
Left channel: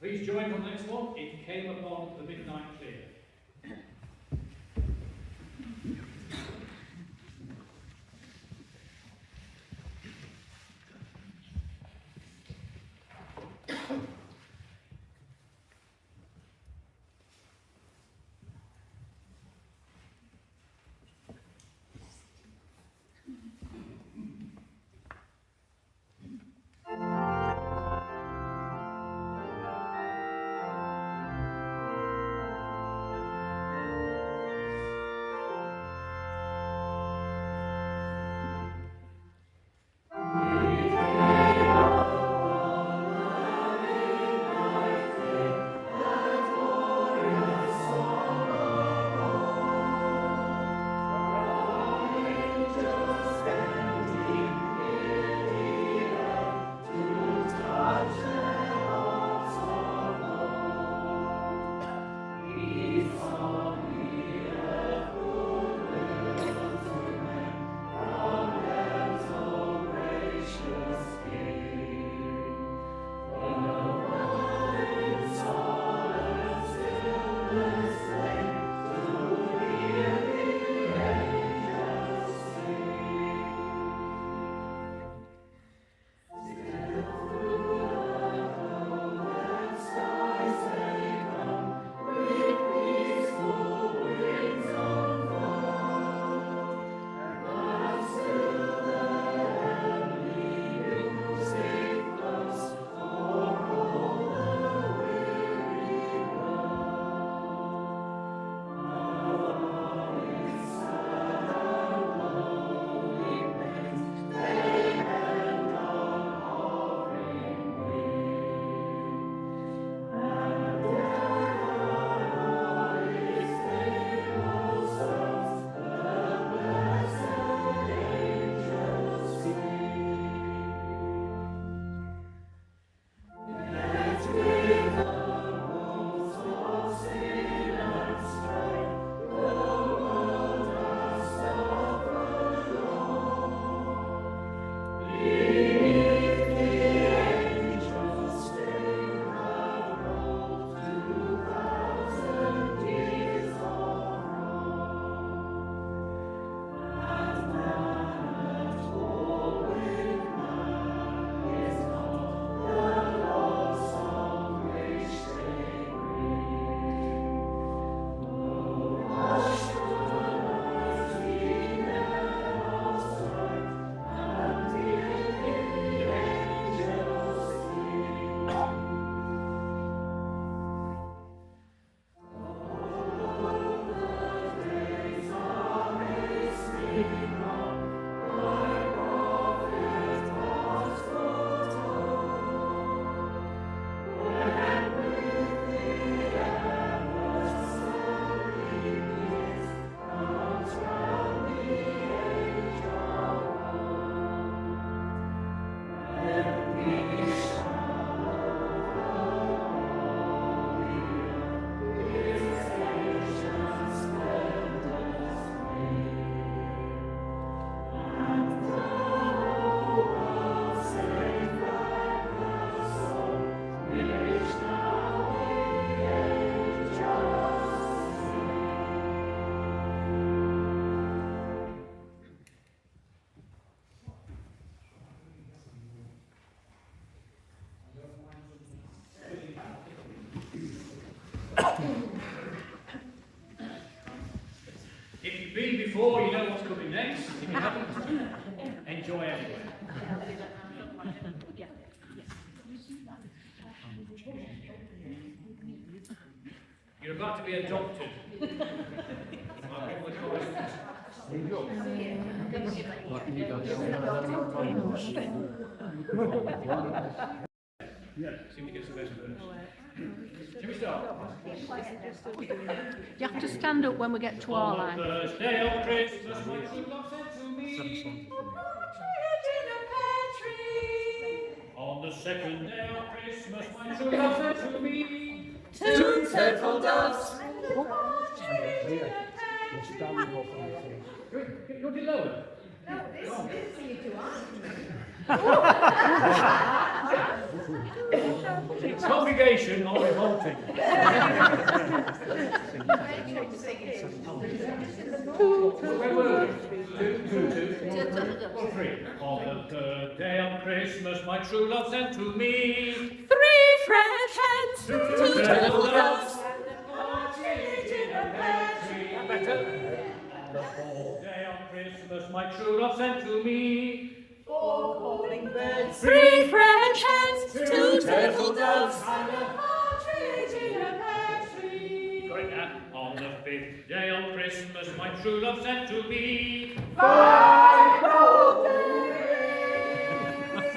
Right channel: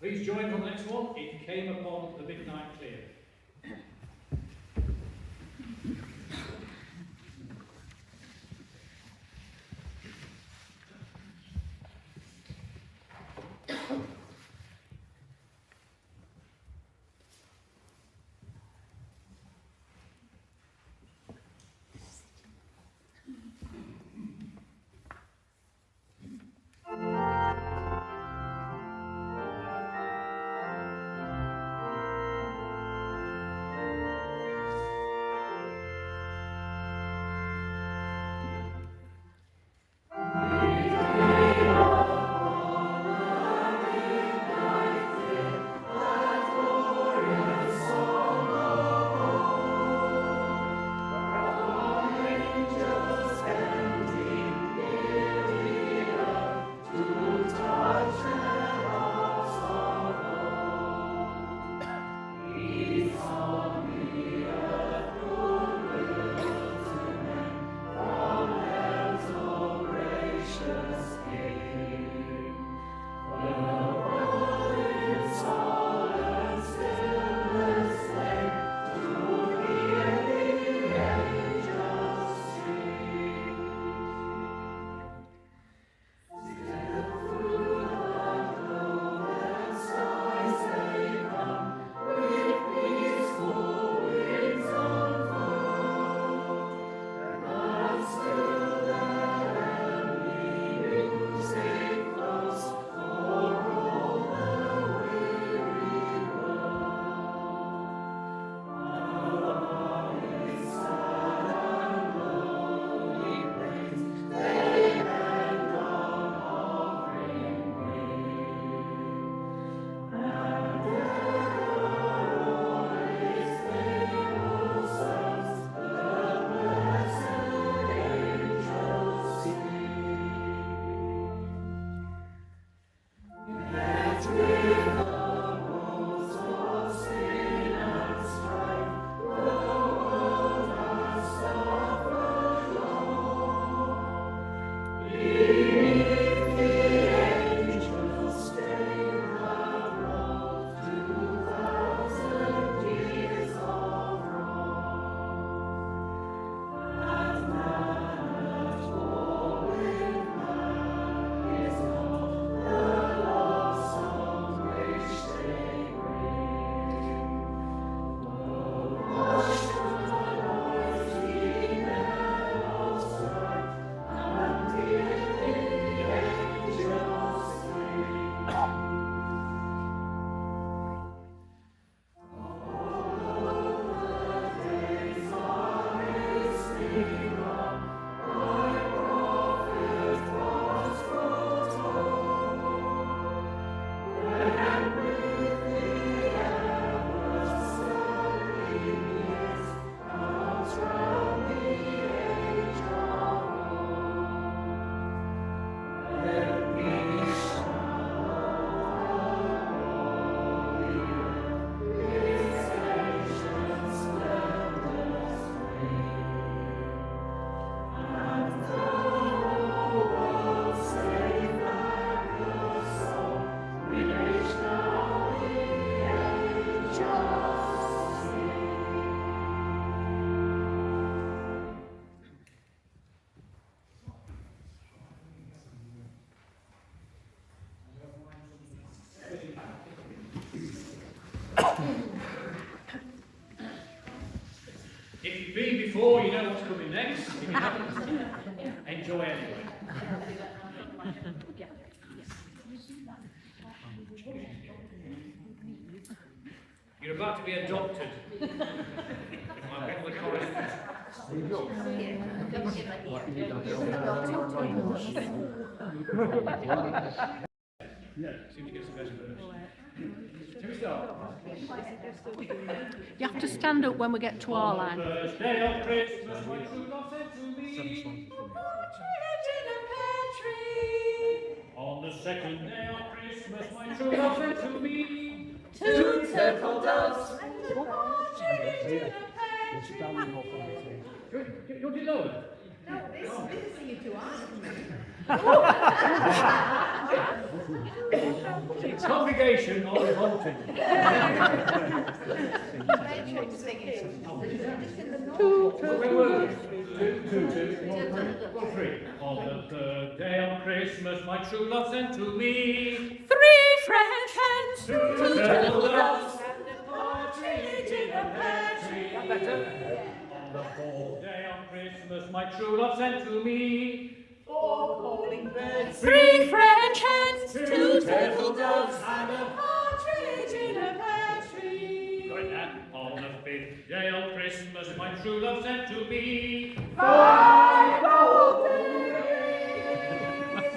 Please join on the next one. It came upon the midnight clear. If you've been before, you know what's coming next. If you haven't, enjoy anyway. You're about to be adopted by one of the choristers. Seem to get some best verse. Can we start? You have to stand up when we get to our On the line. first day of Christmas, my true love said to me. On the second day of Christmas, my true love said to me. Two turtle doves. You're lower. The congregation are revolting. Where were we? Two, three. On the third day of Christmas, my true love sent to me. Three French hens. Two turtle doves. Better. On the fourth day of Christmas, my true love sent to me. Four calling birds. Three French hens. Two turtle doves. And a partridge in a pear tree. Got it now. On the fifth day of Christmas, my true love sent to me. 5 golden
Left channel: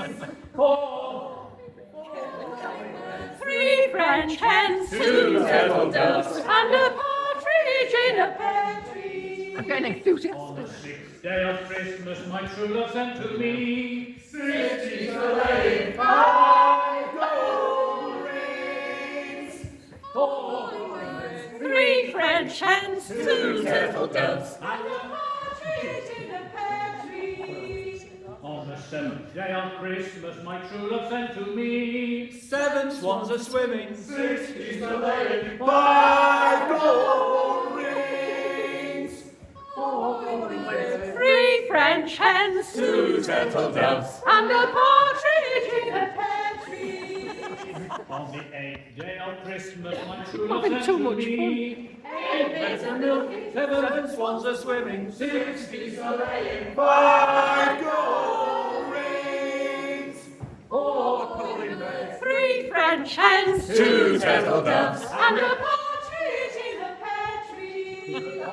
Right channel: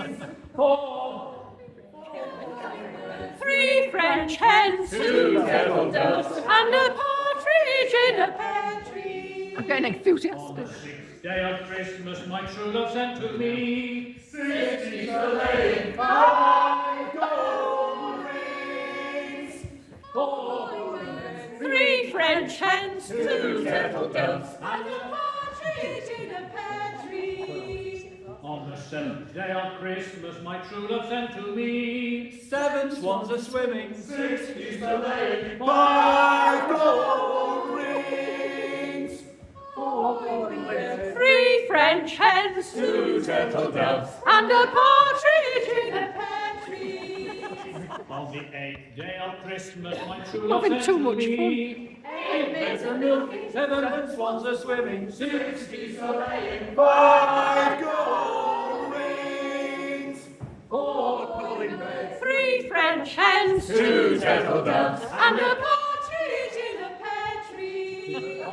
rings. Four. Three French hens. Two turtle doves. And a partridge in a Pear tree. I'm getting enthusiastic. On the sixth day of Christmas, my true love sent to me. 6 is the lane. 5 golden rings. Four. Three French hens. Two turtle doves. And a partridge in a pear tree. On the seventh day of Christmas, my true love sent to me. 7 swans are swimming. 6 is the lane. 5 golden rings. 4 golden birds. Three French hens. Two turtle doves. And a partridge In a pear tree. On the eighth day of Christmas, my true love Having sent too to much me. 8 maids of milk. 7 swans are swimming. 6 is the lane. 5 golden rings. 4 calling birds. Three French hens. Two turtle doves. And a Partridge in a pear tree.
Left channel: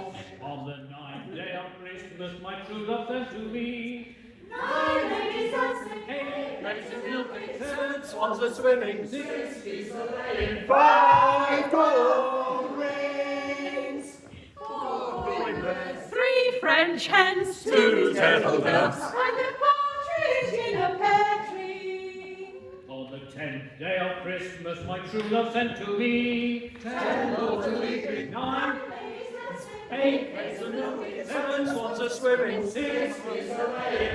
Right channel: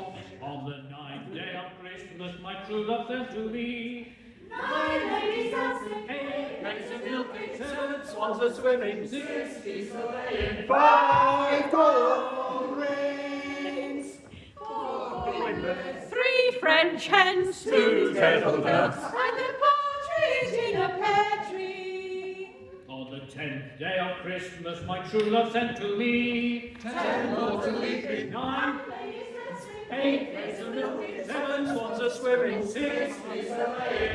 On the ninth day of Christmas, my true love sent to me. 9 ladies dancing. 8 maids of milk. 7 swans are swimming. 6 is the lane. 5 golden rings. 4 calling birds. Three French hens. Two turtle doves. And a partridge in a pear tree. On the 10th day of Christmas, my true love sent to me. 10 golden leaping. 9, Ladies dancing. 8 maids of milk. 7 swans are swimming. 6,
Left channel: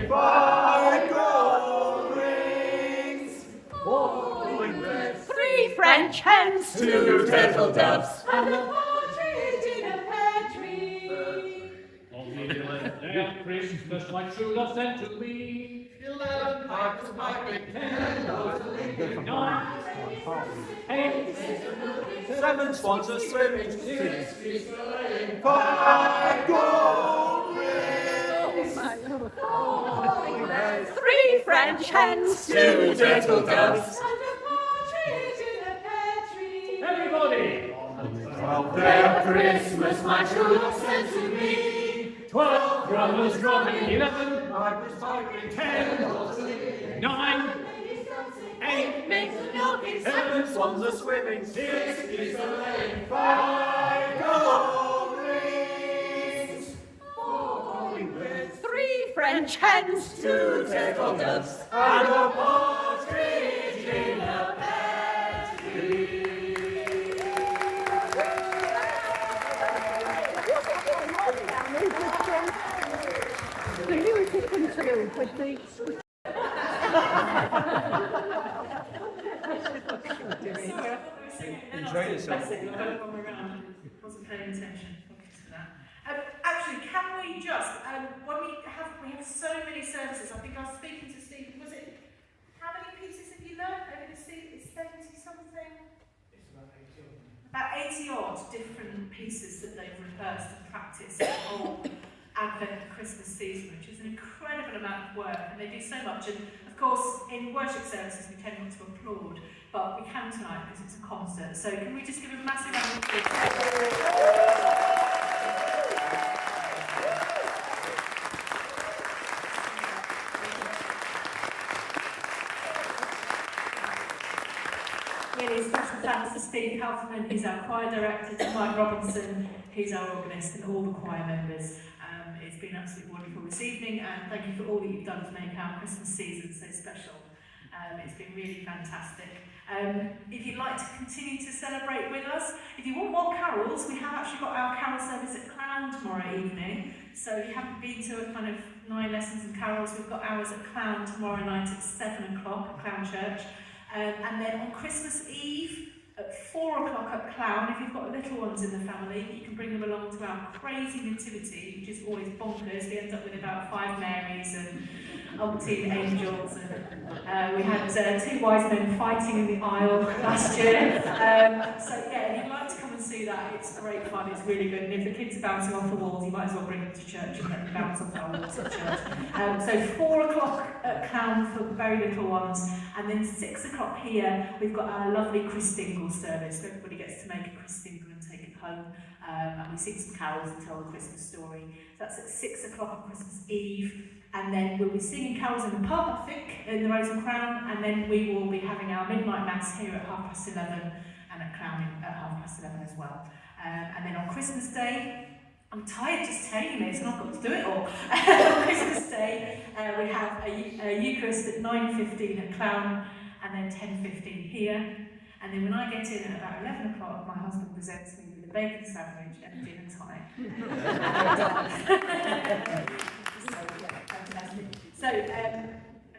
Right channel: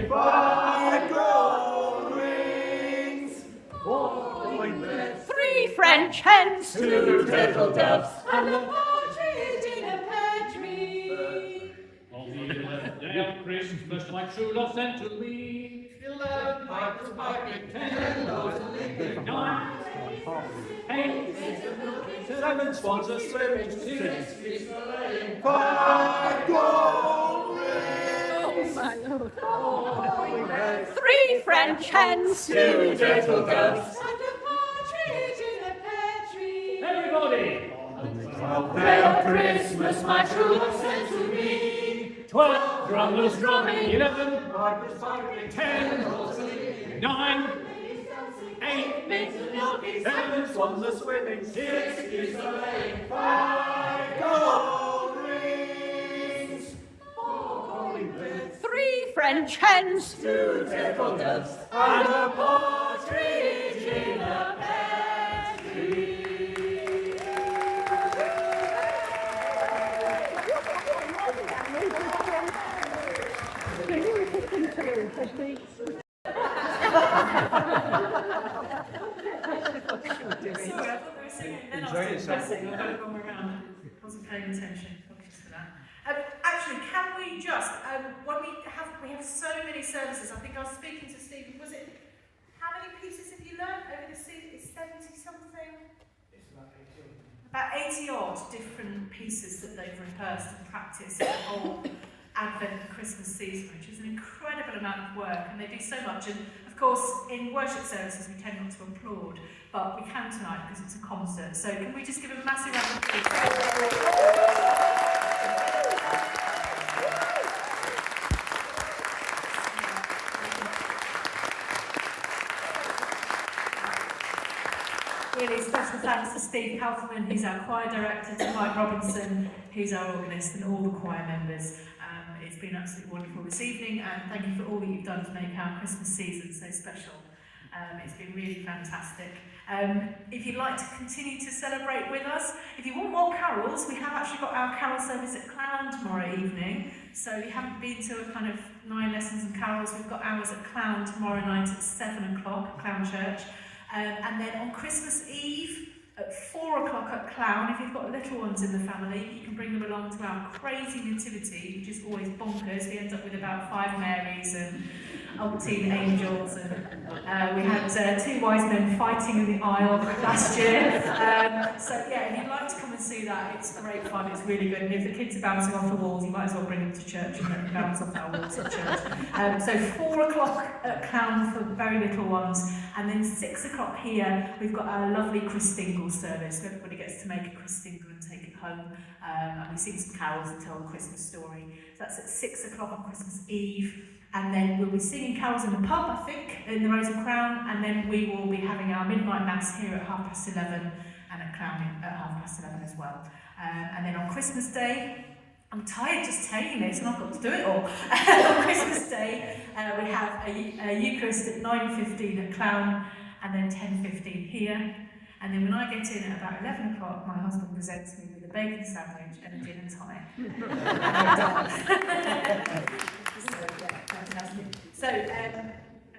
5 golden rings. 4 calling birds. Three French hens. Two turtle doves. And a partridge in a pear tree. On the 11th day of Christmas, my true love sent to me. 11 pipers piping. 10, 9, 8, 7 swans are swimming. 5 golden rings. Three French hens. Two turtle doves. And a partridge in a pear tree. everybody! 12th day of Christmas, my true love sent to me. 12 drummers drumming, 11, Pipers piping. 10, 9, 8, 7 swans are swimming. 6, 5 golden rings. 4 calling birds. Three French hens. Two turtle doves. And a partridge in a pear tree. Enjoy yourself. Wasn't paying attention. Apologies for that. Actually, can we just when we have so many services? I think I was speaking to Steve. Was it how many pieces have you learned over the season? It's 70 something. About 80 odd different pieces that they've rehearsed and practiced the whole Advent and Christmas season, which is an incredible amount of work, and they do so much. And of course, in worship services, we tend not to applaud, but we can tonight because it's a concert. So can we just give a massive round of applause? Really special thanks to Steve Halfman, who's our choir director, to Mike Robinson, who's our organist, and all the choir members. It's been absolutely wonderful this evening, and thank you for all that you've done to make our Christmas season so special. It's been really fantastic. If you'd like to continue to celebrate with us, if you want more carols, we have actually got our carol service at Clown tomorrow evening. So if you haven't been to a kind of 9 lessons and carols, we've got ours at Clown tomorrow night at 7 o'clock at Clown Church. And then on Christmas Eve at 4 o'clock at Clown, if you've got little ones in the family, you can bring them along to our crazy nativity, which is always bonkers. We end up with about 5 Marys and umpteen angels, and we had 2 wise men fighting in the aisle last year. So yeah, if you'd like to come and see that, it's great fun, it's really good, and if the kids are bouncing off the walls, you might as well bring them to church and let them bounce off our walls at church. So 4 o'clock at Clown for the very little ones, and then 6 o'clock here, we've got our lovely Christingle service. Everybody gets to make a Christingle and take it home, and we sing some carols and tell the Christmas story. So that's at 6 o'clock on Christmas Eve. And then we'll be singing carols in the pub, I think, in the Rose and Crown, and then we will be having our midnight mass here at 11:30 and at Crown at 11:30 as well. And then on Christmas Day, I'm tired just telling this, and I've got to do it all. On Christmas Day, we have a Eucharist at 9:15 at Clown, and then 10:15 here. And then when I get in at about 11 o'clock, my husband presents me with a bacon sandwich and a dinner tie. So, I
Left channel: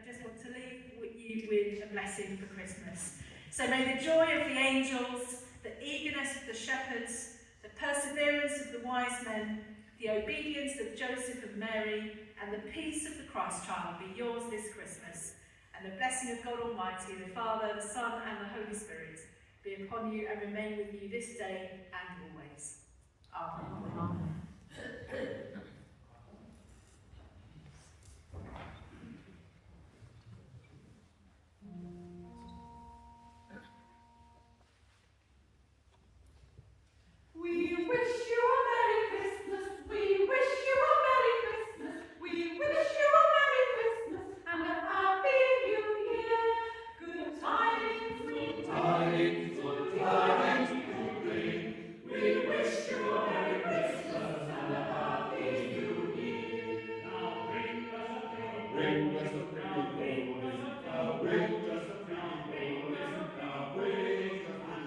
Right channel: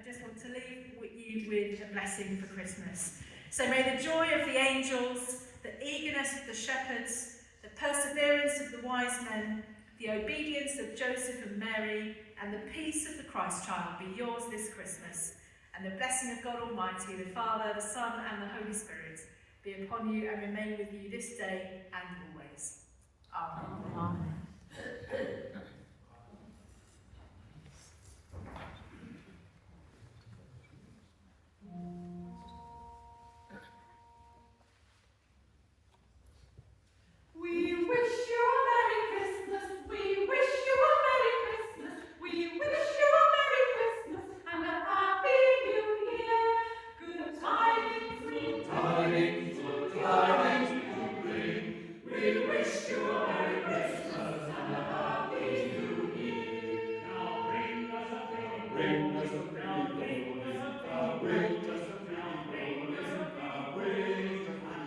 just want to leave you with a blessing for Christmas. So may the joy of the angels, the eagerness of the shepherds, the perseverance of the wise men, the obedience of Joseph and Mary, and the peace of the Christ child be yours this Christmas. And the blessing of God Almighty, the Father, the Son, and the Holy Spirit be upon you and remain with you this day and always. Amen. Amen. We wish you a Merry Christmas, we wish you a Merry Christmas, we wish you a Merry Christmas and a Happy New Year. Good tidings we bring, good tidings we bring. We wish you a Merry Christmas and a Happy New Year. Now bring us a Merry Christmas, now bring us a Merry Christmas, now bring us a Merry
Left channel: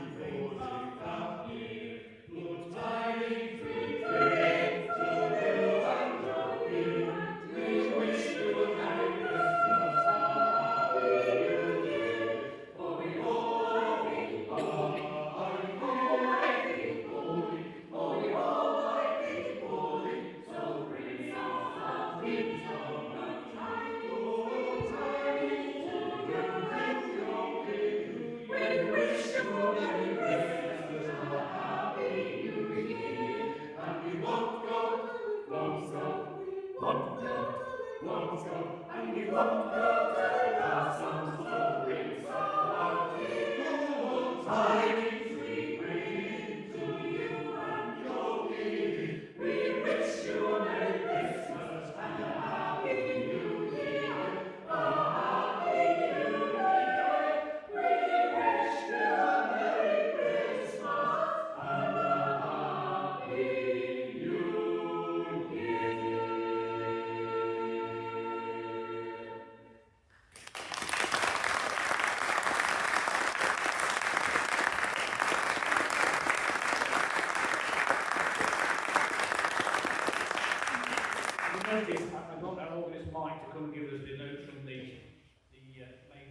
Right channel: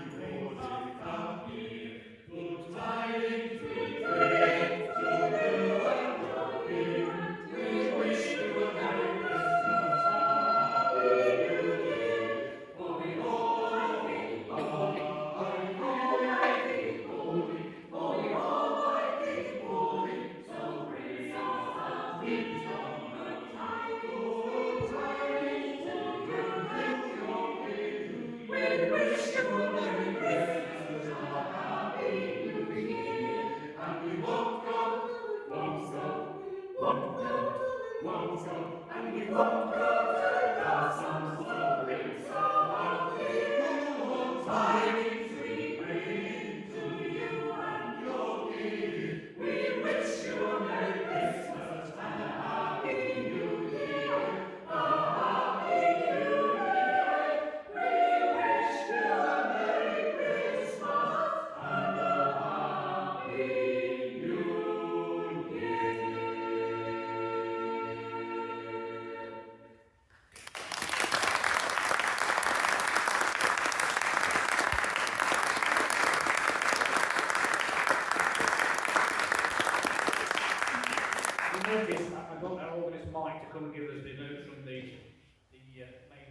Notice I got our organist Mike to come and give us the notes from the main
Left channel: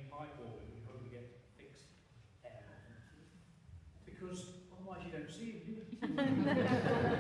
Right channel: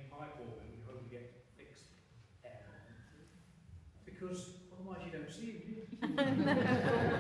pipe organ. We hope we get fixed air, because otherwise you don't see it, do you?